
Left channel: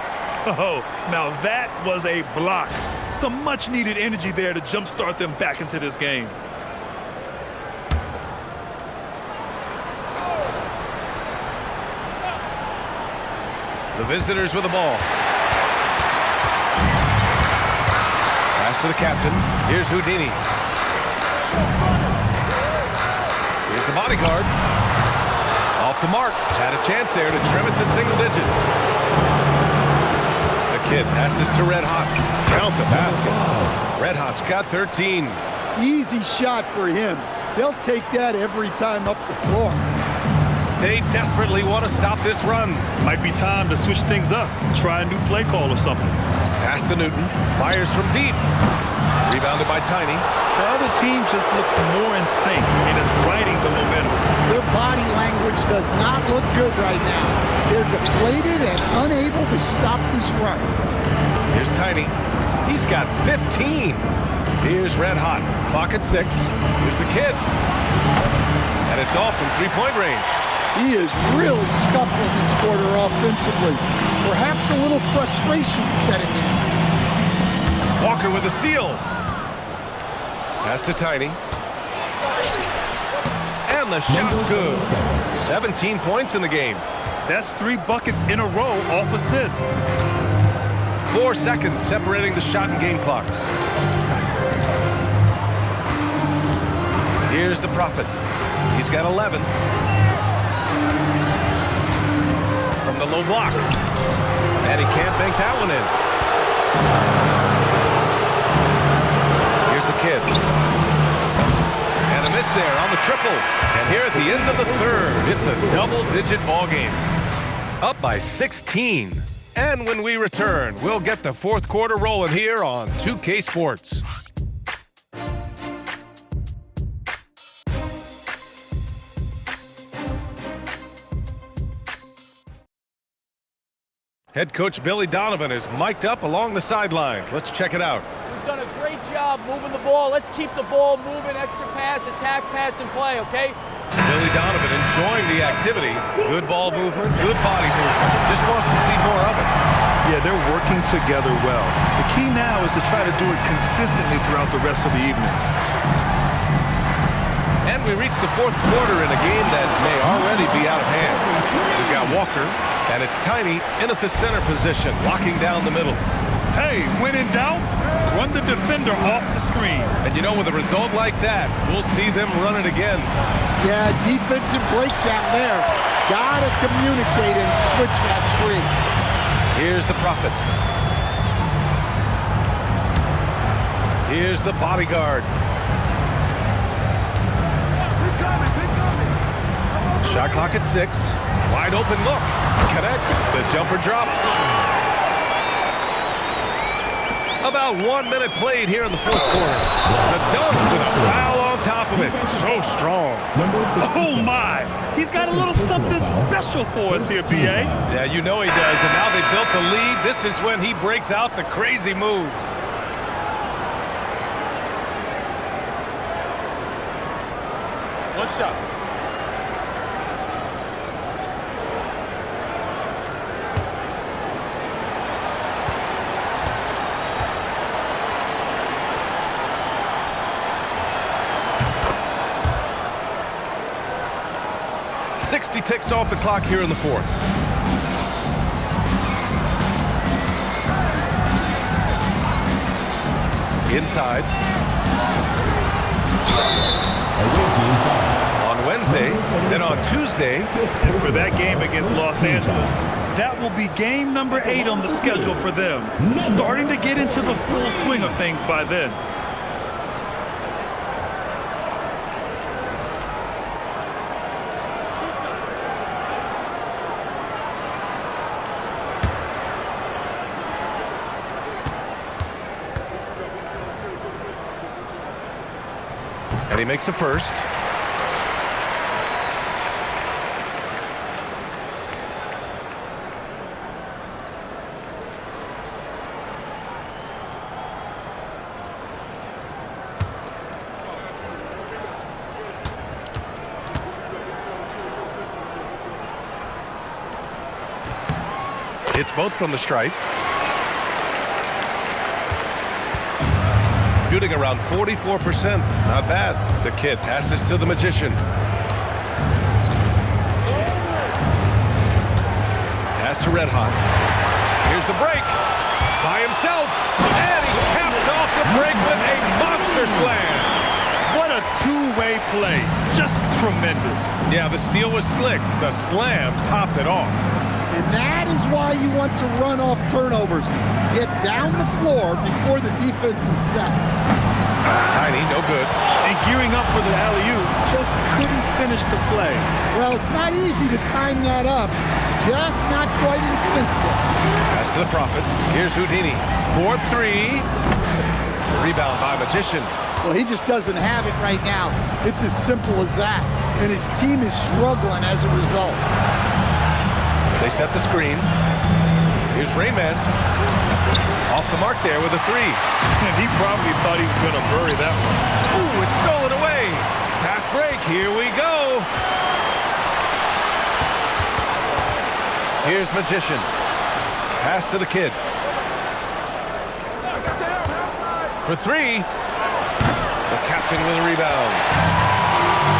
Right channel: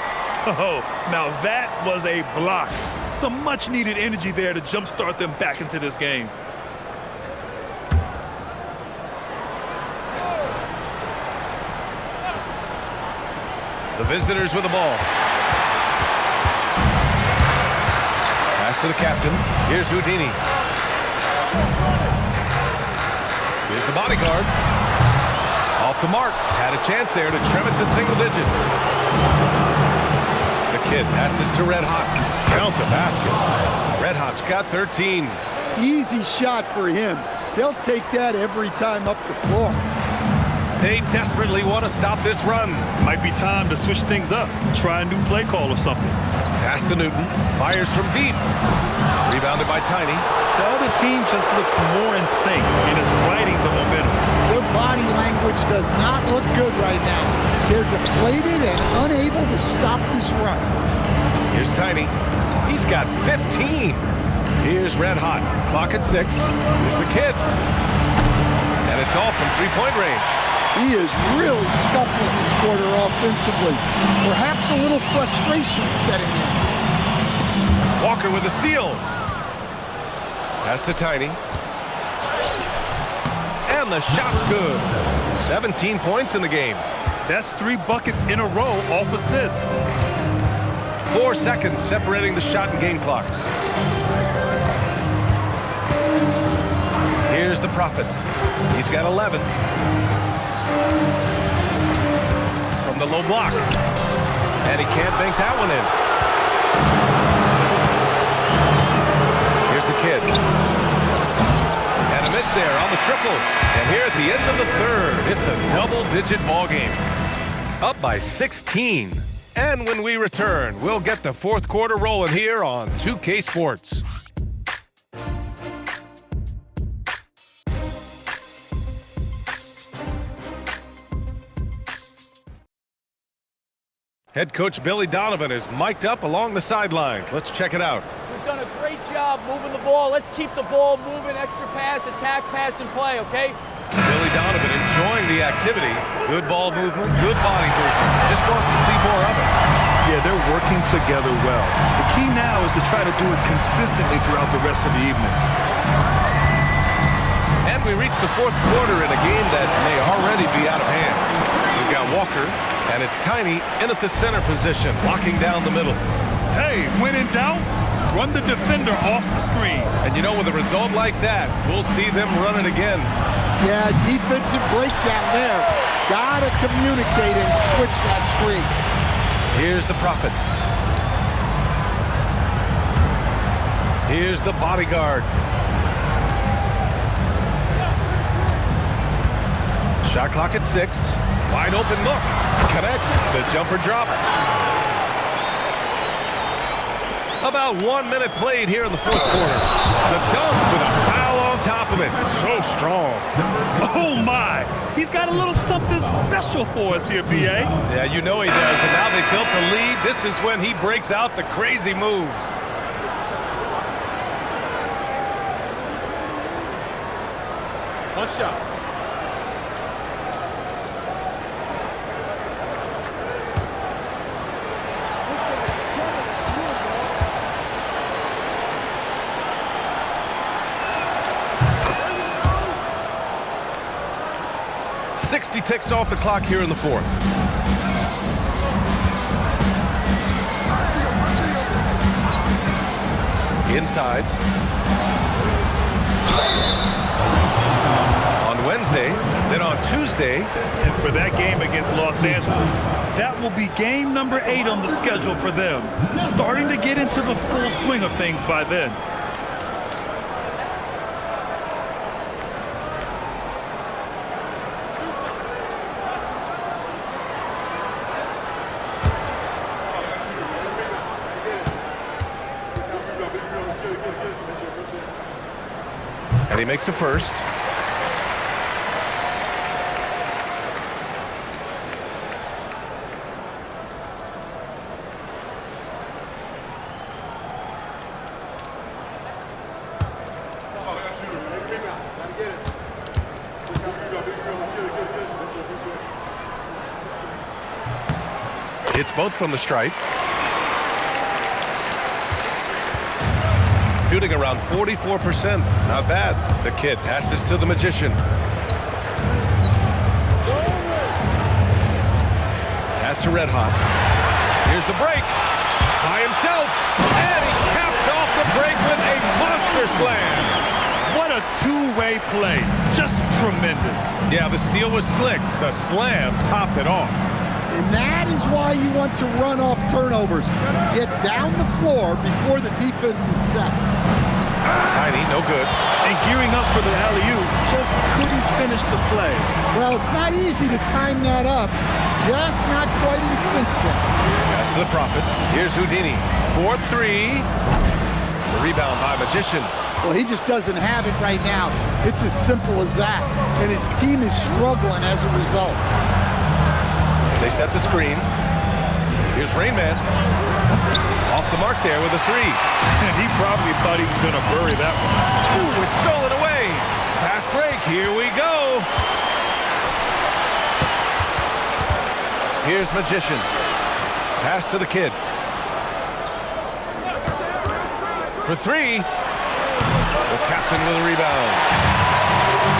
Oh, now that was a block. Some much-needed energy there to jumpstart them back into this game. The visitors with the ball. Pass to the captain. Here's Houdini. Here's the bodyguard. Off the mark. Had a chance there to trim it to single digits. The kid passes to Red Hot. Count the basket. Red Hot's got 13. Easy shot for him. They'll take that every time up the floor. They desperately want to stop this run. Might be time to switch things up. Try a new play call or something. Pass to Newton. Fires from deep. Rebounded by Tiny. The other team just looks more in sync and is riding the momentum. Their body language does not look good right now. They're deflated and unable to stop this run. Here's Tiny. He's got 15. Here's Red Hot. Clock at 6. Here's the kid. And it's all from three-point range. He is really scuffling this quarter offensively. Perhaps a little frustration setting in. Walker with a steal. Pass to Tiny. And the shot's good. 17 points in the game. That's 3 buckets in a row off assist. 4 seconds separating the shot and game clocks. Here's the Prophet. He's got 11. From the low block. And he can't bank that one in. Here's the kid. And a miss there on the triple. And here at the end of the third, it's a double-digit ball game. Up by 16. And when we return, we'll get the fourth quarter rolling here on 2K Sports. Head coach Billy Donovan is mic'd up along the sidelines. Let's check it out. We've done a great job moving the ball. Let's keep the ball moving, extra pass, attack, pass, and play, okay? Billy Donovan enjoying the activity. Good ball movement, good body movement. Just wants to see more of it. Yeah, they're working together well. The key now is to try to do it consistently throughout the rest of the evening. And we reach the fourth quarter in a game that may already be out of hand. We've got Walker, and it's Tiny in at the center position, locking down the middle. Hey, when in doubt, run the defender off the screen. And you know, with a result like that, we'll see them run it again. Yeah, defensive breakdown there. Gotta communicate and switch that screen. Here's the Prophet. Here's the bodyguard. Shot clock at 6. Wide open look. Connects. The jumper drops. About 1 minute played here in the fourth quarter. The dunk with a foul on top of it. So strong. Oh, my. He's got a little something special for us here, B.A. Yeah, you know he does. And now they've built the lead. This is when he breaks out the crazy moves. One shot. .60 ticks off the clock here in the fourth. Inside. On Wednesday, then on Tuesday. And for that game against Los Angeles, that will be game number 8 on the schedule for them. Starting to get into the full swing of things by then. And he makes a first. Hits both from the stripe. Shooting around 44%. Not bad. The kid passes to the Magician. Pass to Red Hot. Here's the break. By himself. And he caps off the break with a monster slam. What a two-way play. Just tremendous. Yeah, the steal was slick. The slam topped it off. And that is why you want to run off turnovers. Get down the floor before the defense is set. Tiny, no good. And gearing up for the alley-oop, just couldn't finish the play. Well, it's not easy to time that up. Just not quite in sync there. Pass to the Prophet. Here's Houdini. 4-3. The rebound by Magician. Well, he just doesn't have it right now. It's as simple as that. And his team is struggling as a result. They set the screen. Here's Rain Man. Off the mark there with a three. And he probably thought he was going to bury that one. Ooh, it's stolen away. Fast break. Here we go. Here's Magician. Pass to the kid. For three. The captain with a rebound.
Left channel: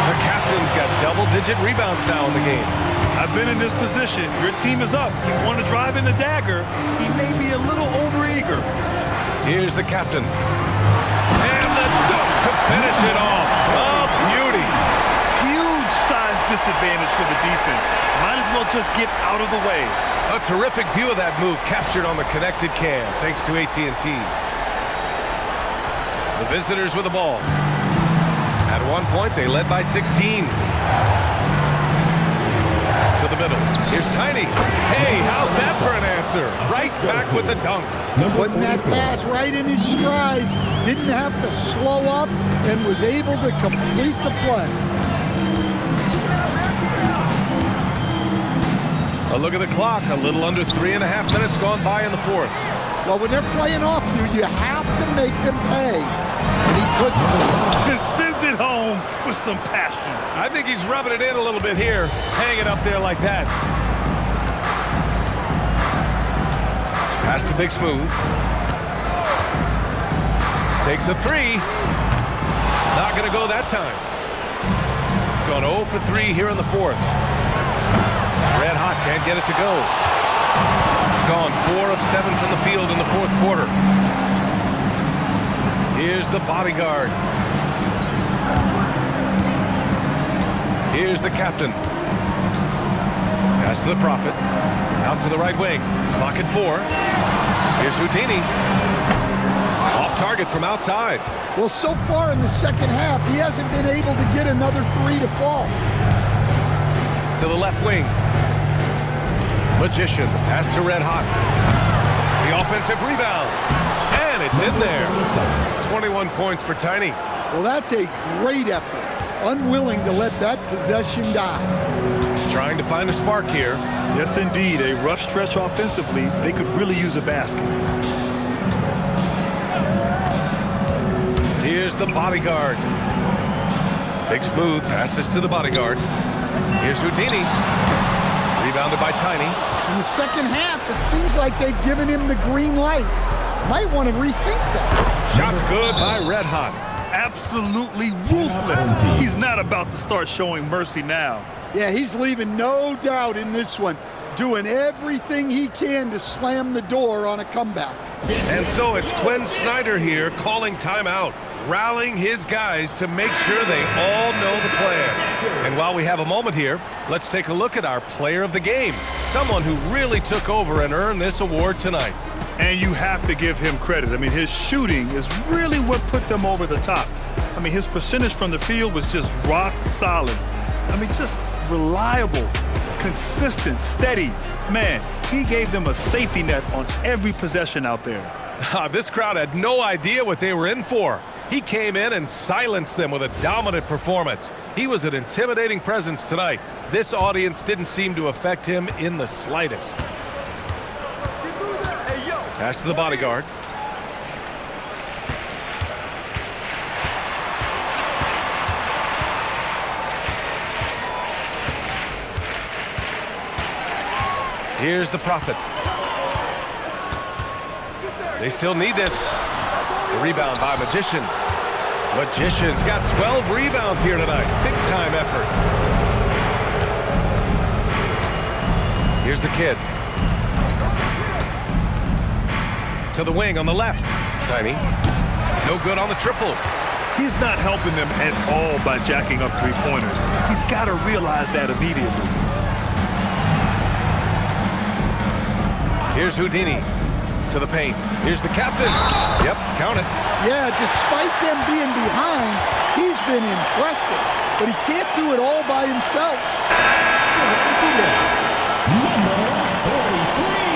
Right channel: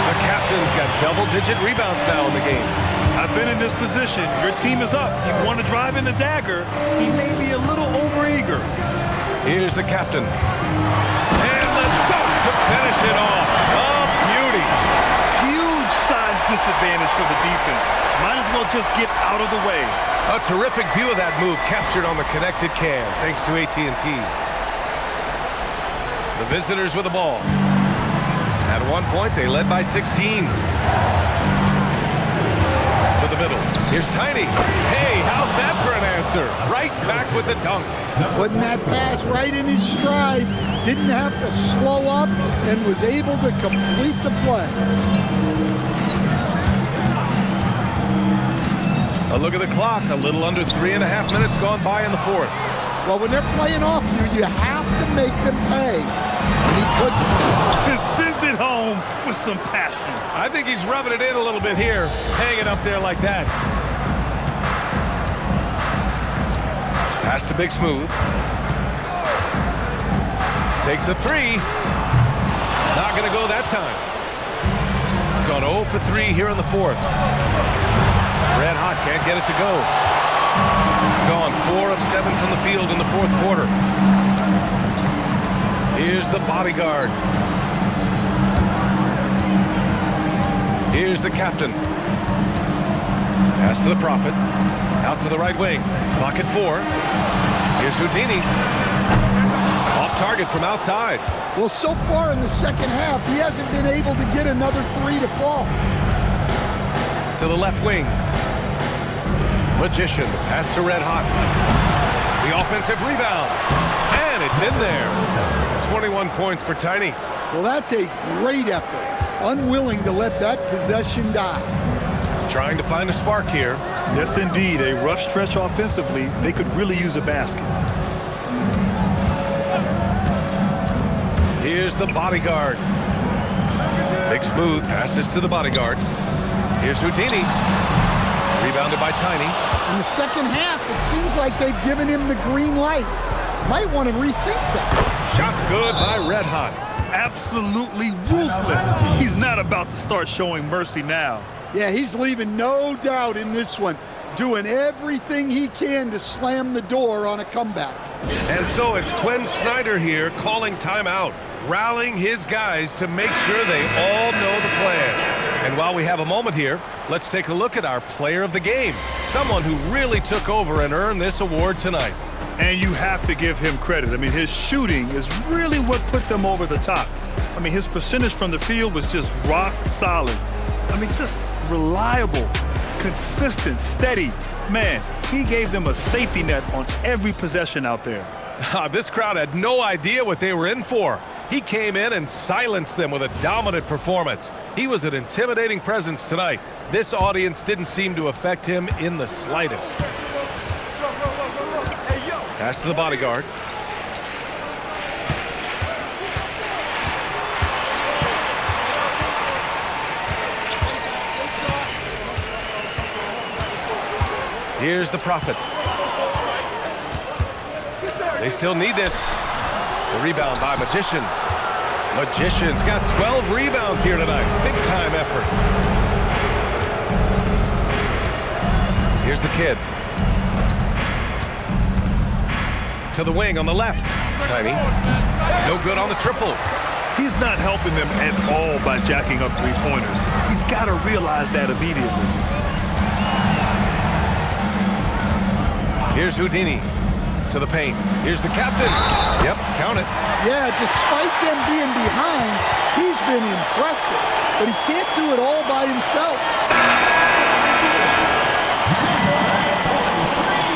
The captain's got double-digit rebounds now in the game. I've been in this position. Your team is up. You want to drive in the dagger. He may be a little overeager. Here's the captain. And the dunk to finish it off. A beauty. Huge size disadvantage for the defense. Might as well just get out of the way. A terrific view of that move captured on the connected cam, thanks to AT&T. The visitors with the ball. At one point, they led by 16. To the middle. Here's Tiny. Hey, how's that for an answer? Right back with the dunk. Putting that pass right in his stride. Didn't have to slow up and was able to complete the play. A look at the clock. A little under 3.5 minutes gone by in the fourth. Well, when they're playing off you have to make them pay. And he couldn't. And sends it home with some passion. I think he's rubbing it in a little bit here. Hang it up there like that. Pass to Big Smooth. Takes a three. Not going to go that time. Gone 0 for 3 here in the fourth. Red Hot can't get it to go. Gone 4 of 7 from the field in the fourth quarter. Here's the bodyguard. Here's the captain. Pass to the Prophet. Out to the right wing. Clock at 4. Here's Houdini. Off target from outside. Well, so far in the second half, he hasn't been able to get another three to fall. To the left wing. Magician. The pass to Red Hot. The offensive rebound. And it's in there. 21 points for Tiny. Well, that's a great effort. Unwilling to let that possession die. Trying to find a spark here. Yes, indeed. A rough stretch offensively. They could really use a basket. Here's the bodyguard. Big Smooth passes to the bodyguard. Here's Houdini. Rebounded by Tiny. In the second half, it seems like they've given him the green light. Might want to rethink that. Shot's good by Red Hot. Absolutely ruthless. He's not about to start showing mercy now. Yeah, he's leaving no doubt in this one. Doing everything he can to slam the door on a comeback. And so it's Quinn Snyder here calling timeout, rallying his guys to make sure they all know the plan. And while we have a moment here, let's take a look at our player of the game, someone who really took over and earned this award tonight. And you have to give him credit. I mean, his shooting is really what put them over the top. I mean, his percentage from the field was just rock solid. I mean, just reliable, consistent, steady. Man, he gave them a safety net on every possession out there. This crowd had no idea what they were in for. He came in and silenced them with a dominant performance. He was an intimidating presence tonight. This audience didn't seem to affect him in the slightest. Pass to the bodyguard. Here's the Prophet. They still need this. The rebound by Magician. Magician's got 12 rebounds here tonight. Big time effort. Here's the kid. To the wing on the left. Tiny. No good on the triple. He's not helping them at all by jacking up three-pointers. He's got to realize that immediately. Here's Houdini to the paint. Here's the captain. Yep, count it. Yeah, despite them being behind, he's been impressive, but he can't do it all by himself. Number 43.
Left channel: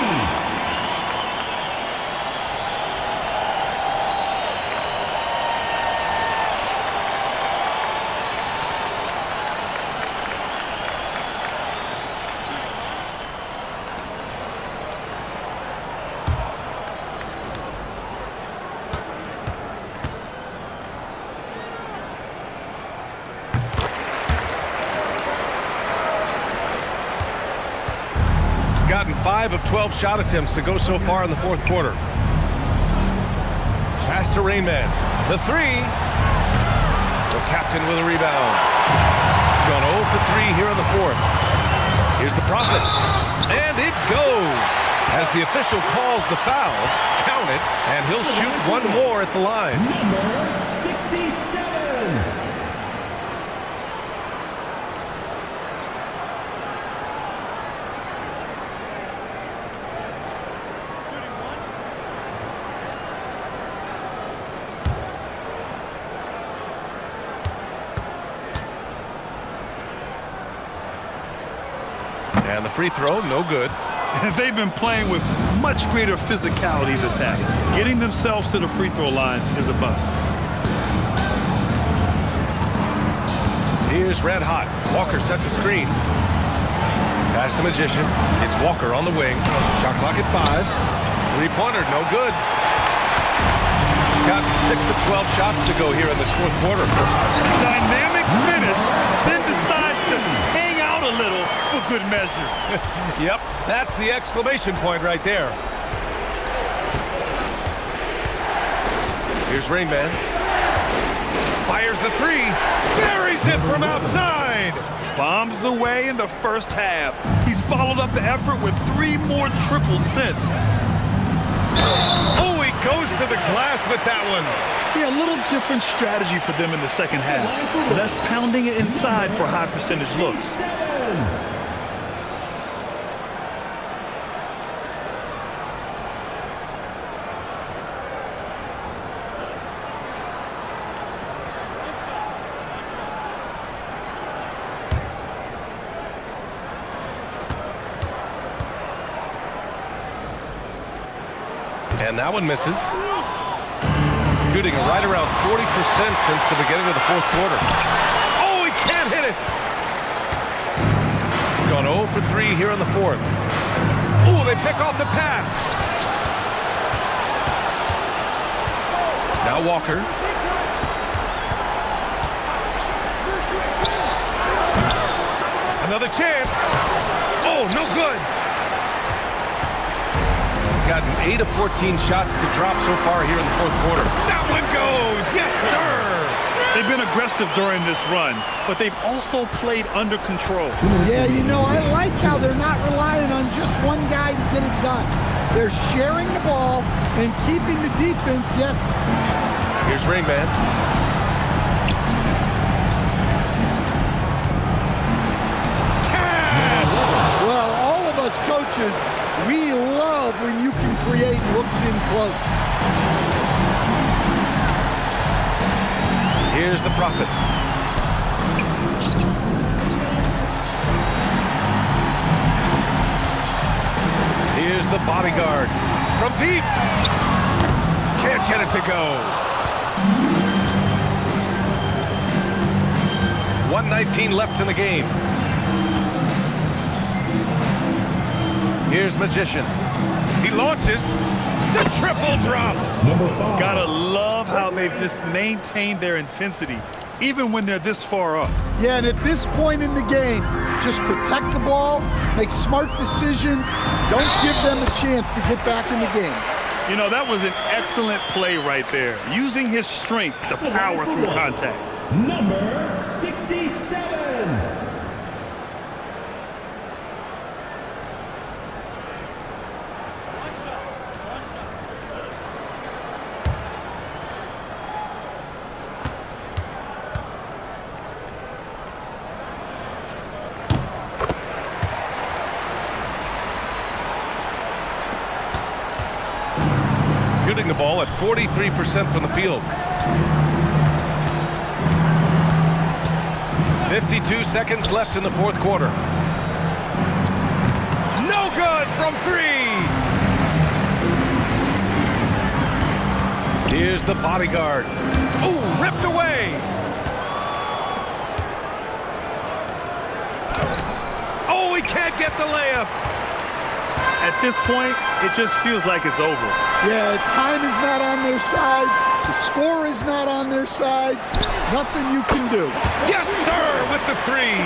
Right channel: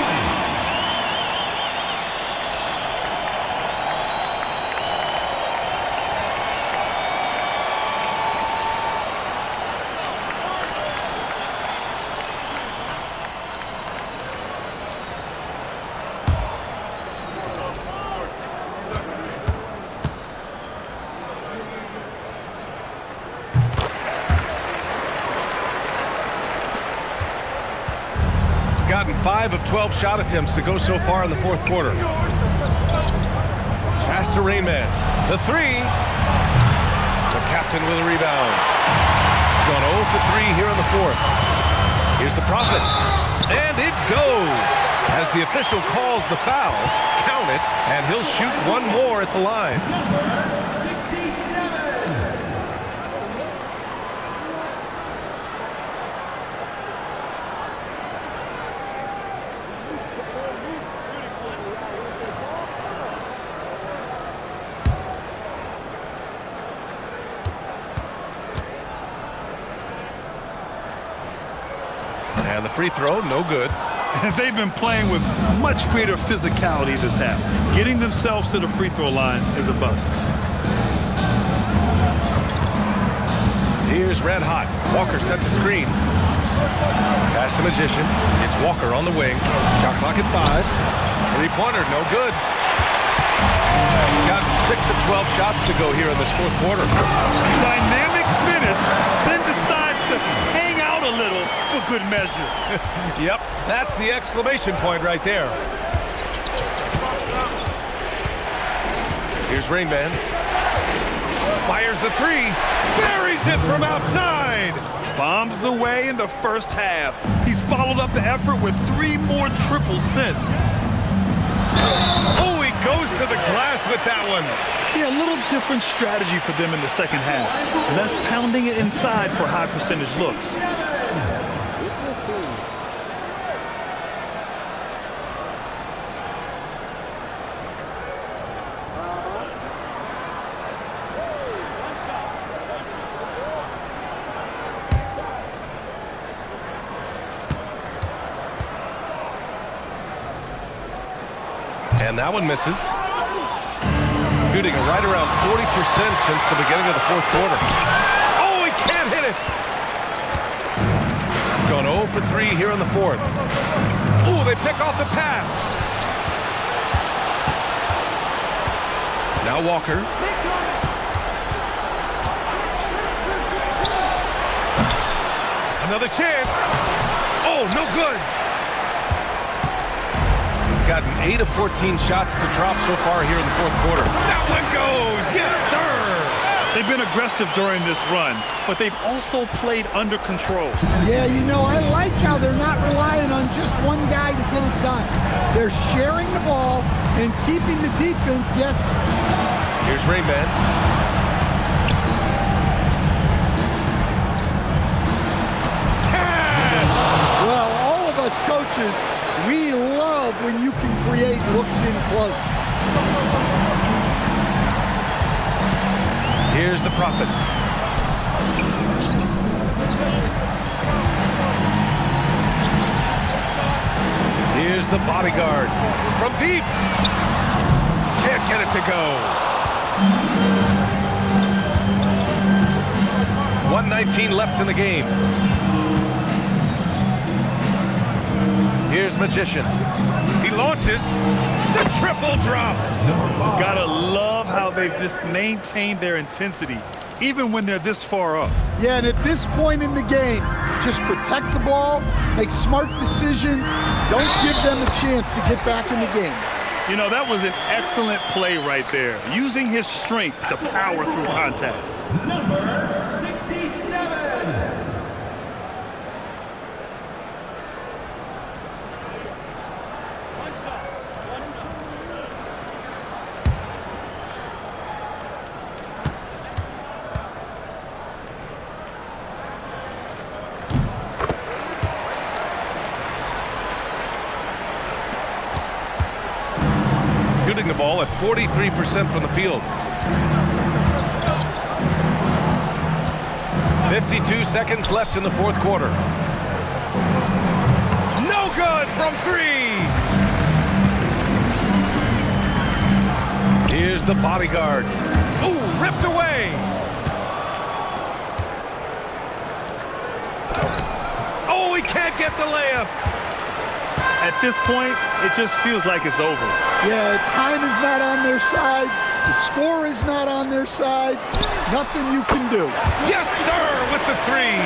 Gotten 5 of 12 shot attempts to go so far in the fourth quarter. Pass to Rain Man. The three. The captain with a rebound. Gone 0 for 3 here in the fourth. Here's the Prophet. And it goes. As the official calls the foul, count it, and he'll shoot one more at the line. Number 67. And the free throw, no good. They've been playing with much greater physicality this half. Getting themselves to the free throw line is a bust. Here's Red Hot. Walker sets a screen. Pass to Magician. It's Walker on the wing. Shot clock at 5. Three-pointer, no good. Got 6 of 12 shots to go here in this fourth quarter. Dynamic finish, then decides to hang out a little for good measure. Yep, that's the exclamation point right there. Here's Rain Man. Fires the three. Buries it from outside. Bombs away in the first half. He's followed up the effort with 3 more triples since. Oh, he goes to the glass with that one. Yeah, a little different strategy for them in the second half. Less pounding it inside for high percentage looks. And that one misses. Shooting right around 40% since the beginning of the fourth quarter. Oh, he can't hit it. Gone 0 for 3 here in the fourth. Oh, they pick off the pass. Now Walker. Another chance. Oh, no good. Gotten 8 of 14 shots to drop so far here in the fourth quarter. That one goes! Yes, sir! They've been aggressive during this run, but they've also played under control. Yeah, you know, I like how they're not relying on just one guy to get it done. They're sharing the ball and keeping the defense guessing. Here's Rain Man. Cash! Well, all of us coaches, we love when you can create looks in close. Here's the Prophet. Here's the bodyguard. From deep. Can't get it to go. 1:19 left in the game. Here's Magician. He launches. The triple drops. Gotta love how they've just maintained their intensity, even when they're this far up. Yeah, and at this point in the game, just protect the ball, make smart decisions, don't give them a chance to get back in the game. You know, that was an excellent play right there, using his strength to power through contact. Number 67. shooting the ball at 43% from the field. 52 seconds left in the fourth quarter. No good from three. Here's the bodyguard. Ooh, ripped away. Oh, he can't get the layup. At this point, it just feels like it's over. Yeah, time is not on their side. The score is not on their side. Nothing you can do. Yes, sir, with the threes.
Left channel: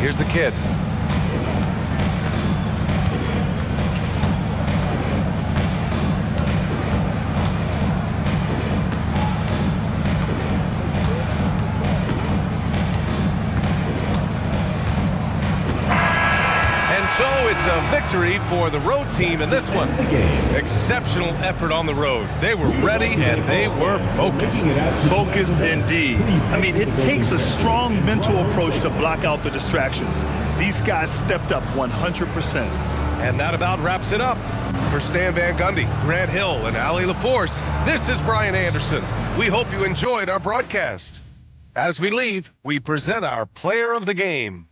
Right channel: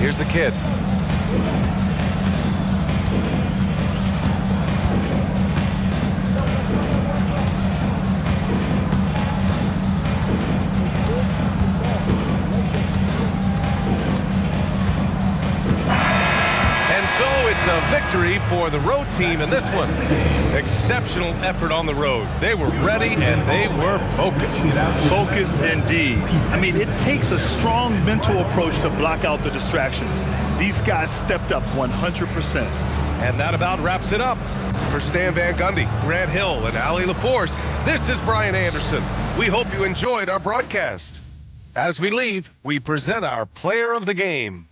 Here's the kid. And so it's a victory for the road team in this one. Exceptional effort on the road. They were ready and they were focused. Focused indeed. I mean, it takes a strong mental approach to block out the distractions. These guys stepped up 100%. And that about wraps it up. For Stan Van Gundy, Grant Hill, and Ali LaForce, this is Brian Anderson. We hope you enjoyed our broadcast. As we leave, we present our player of the game.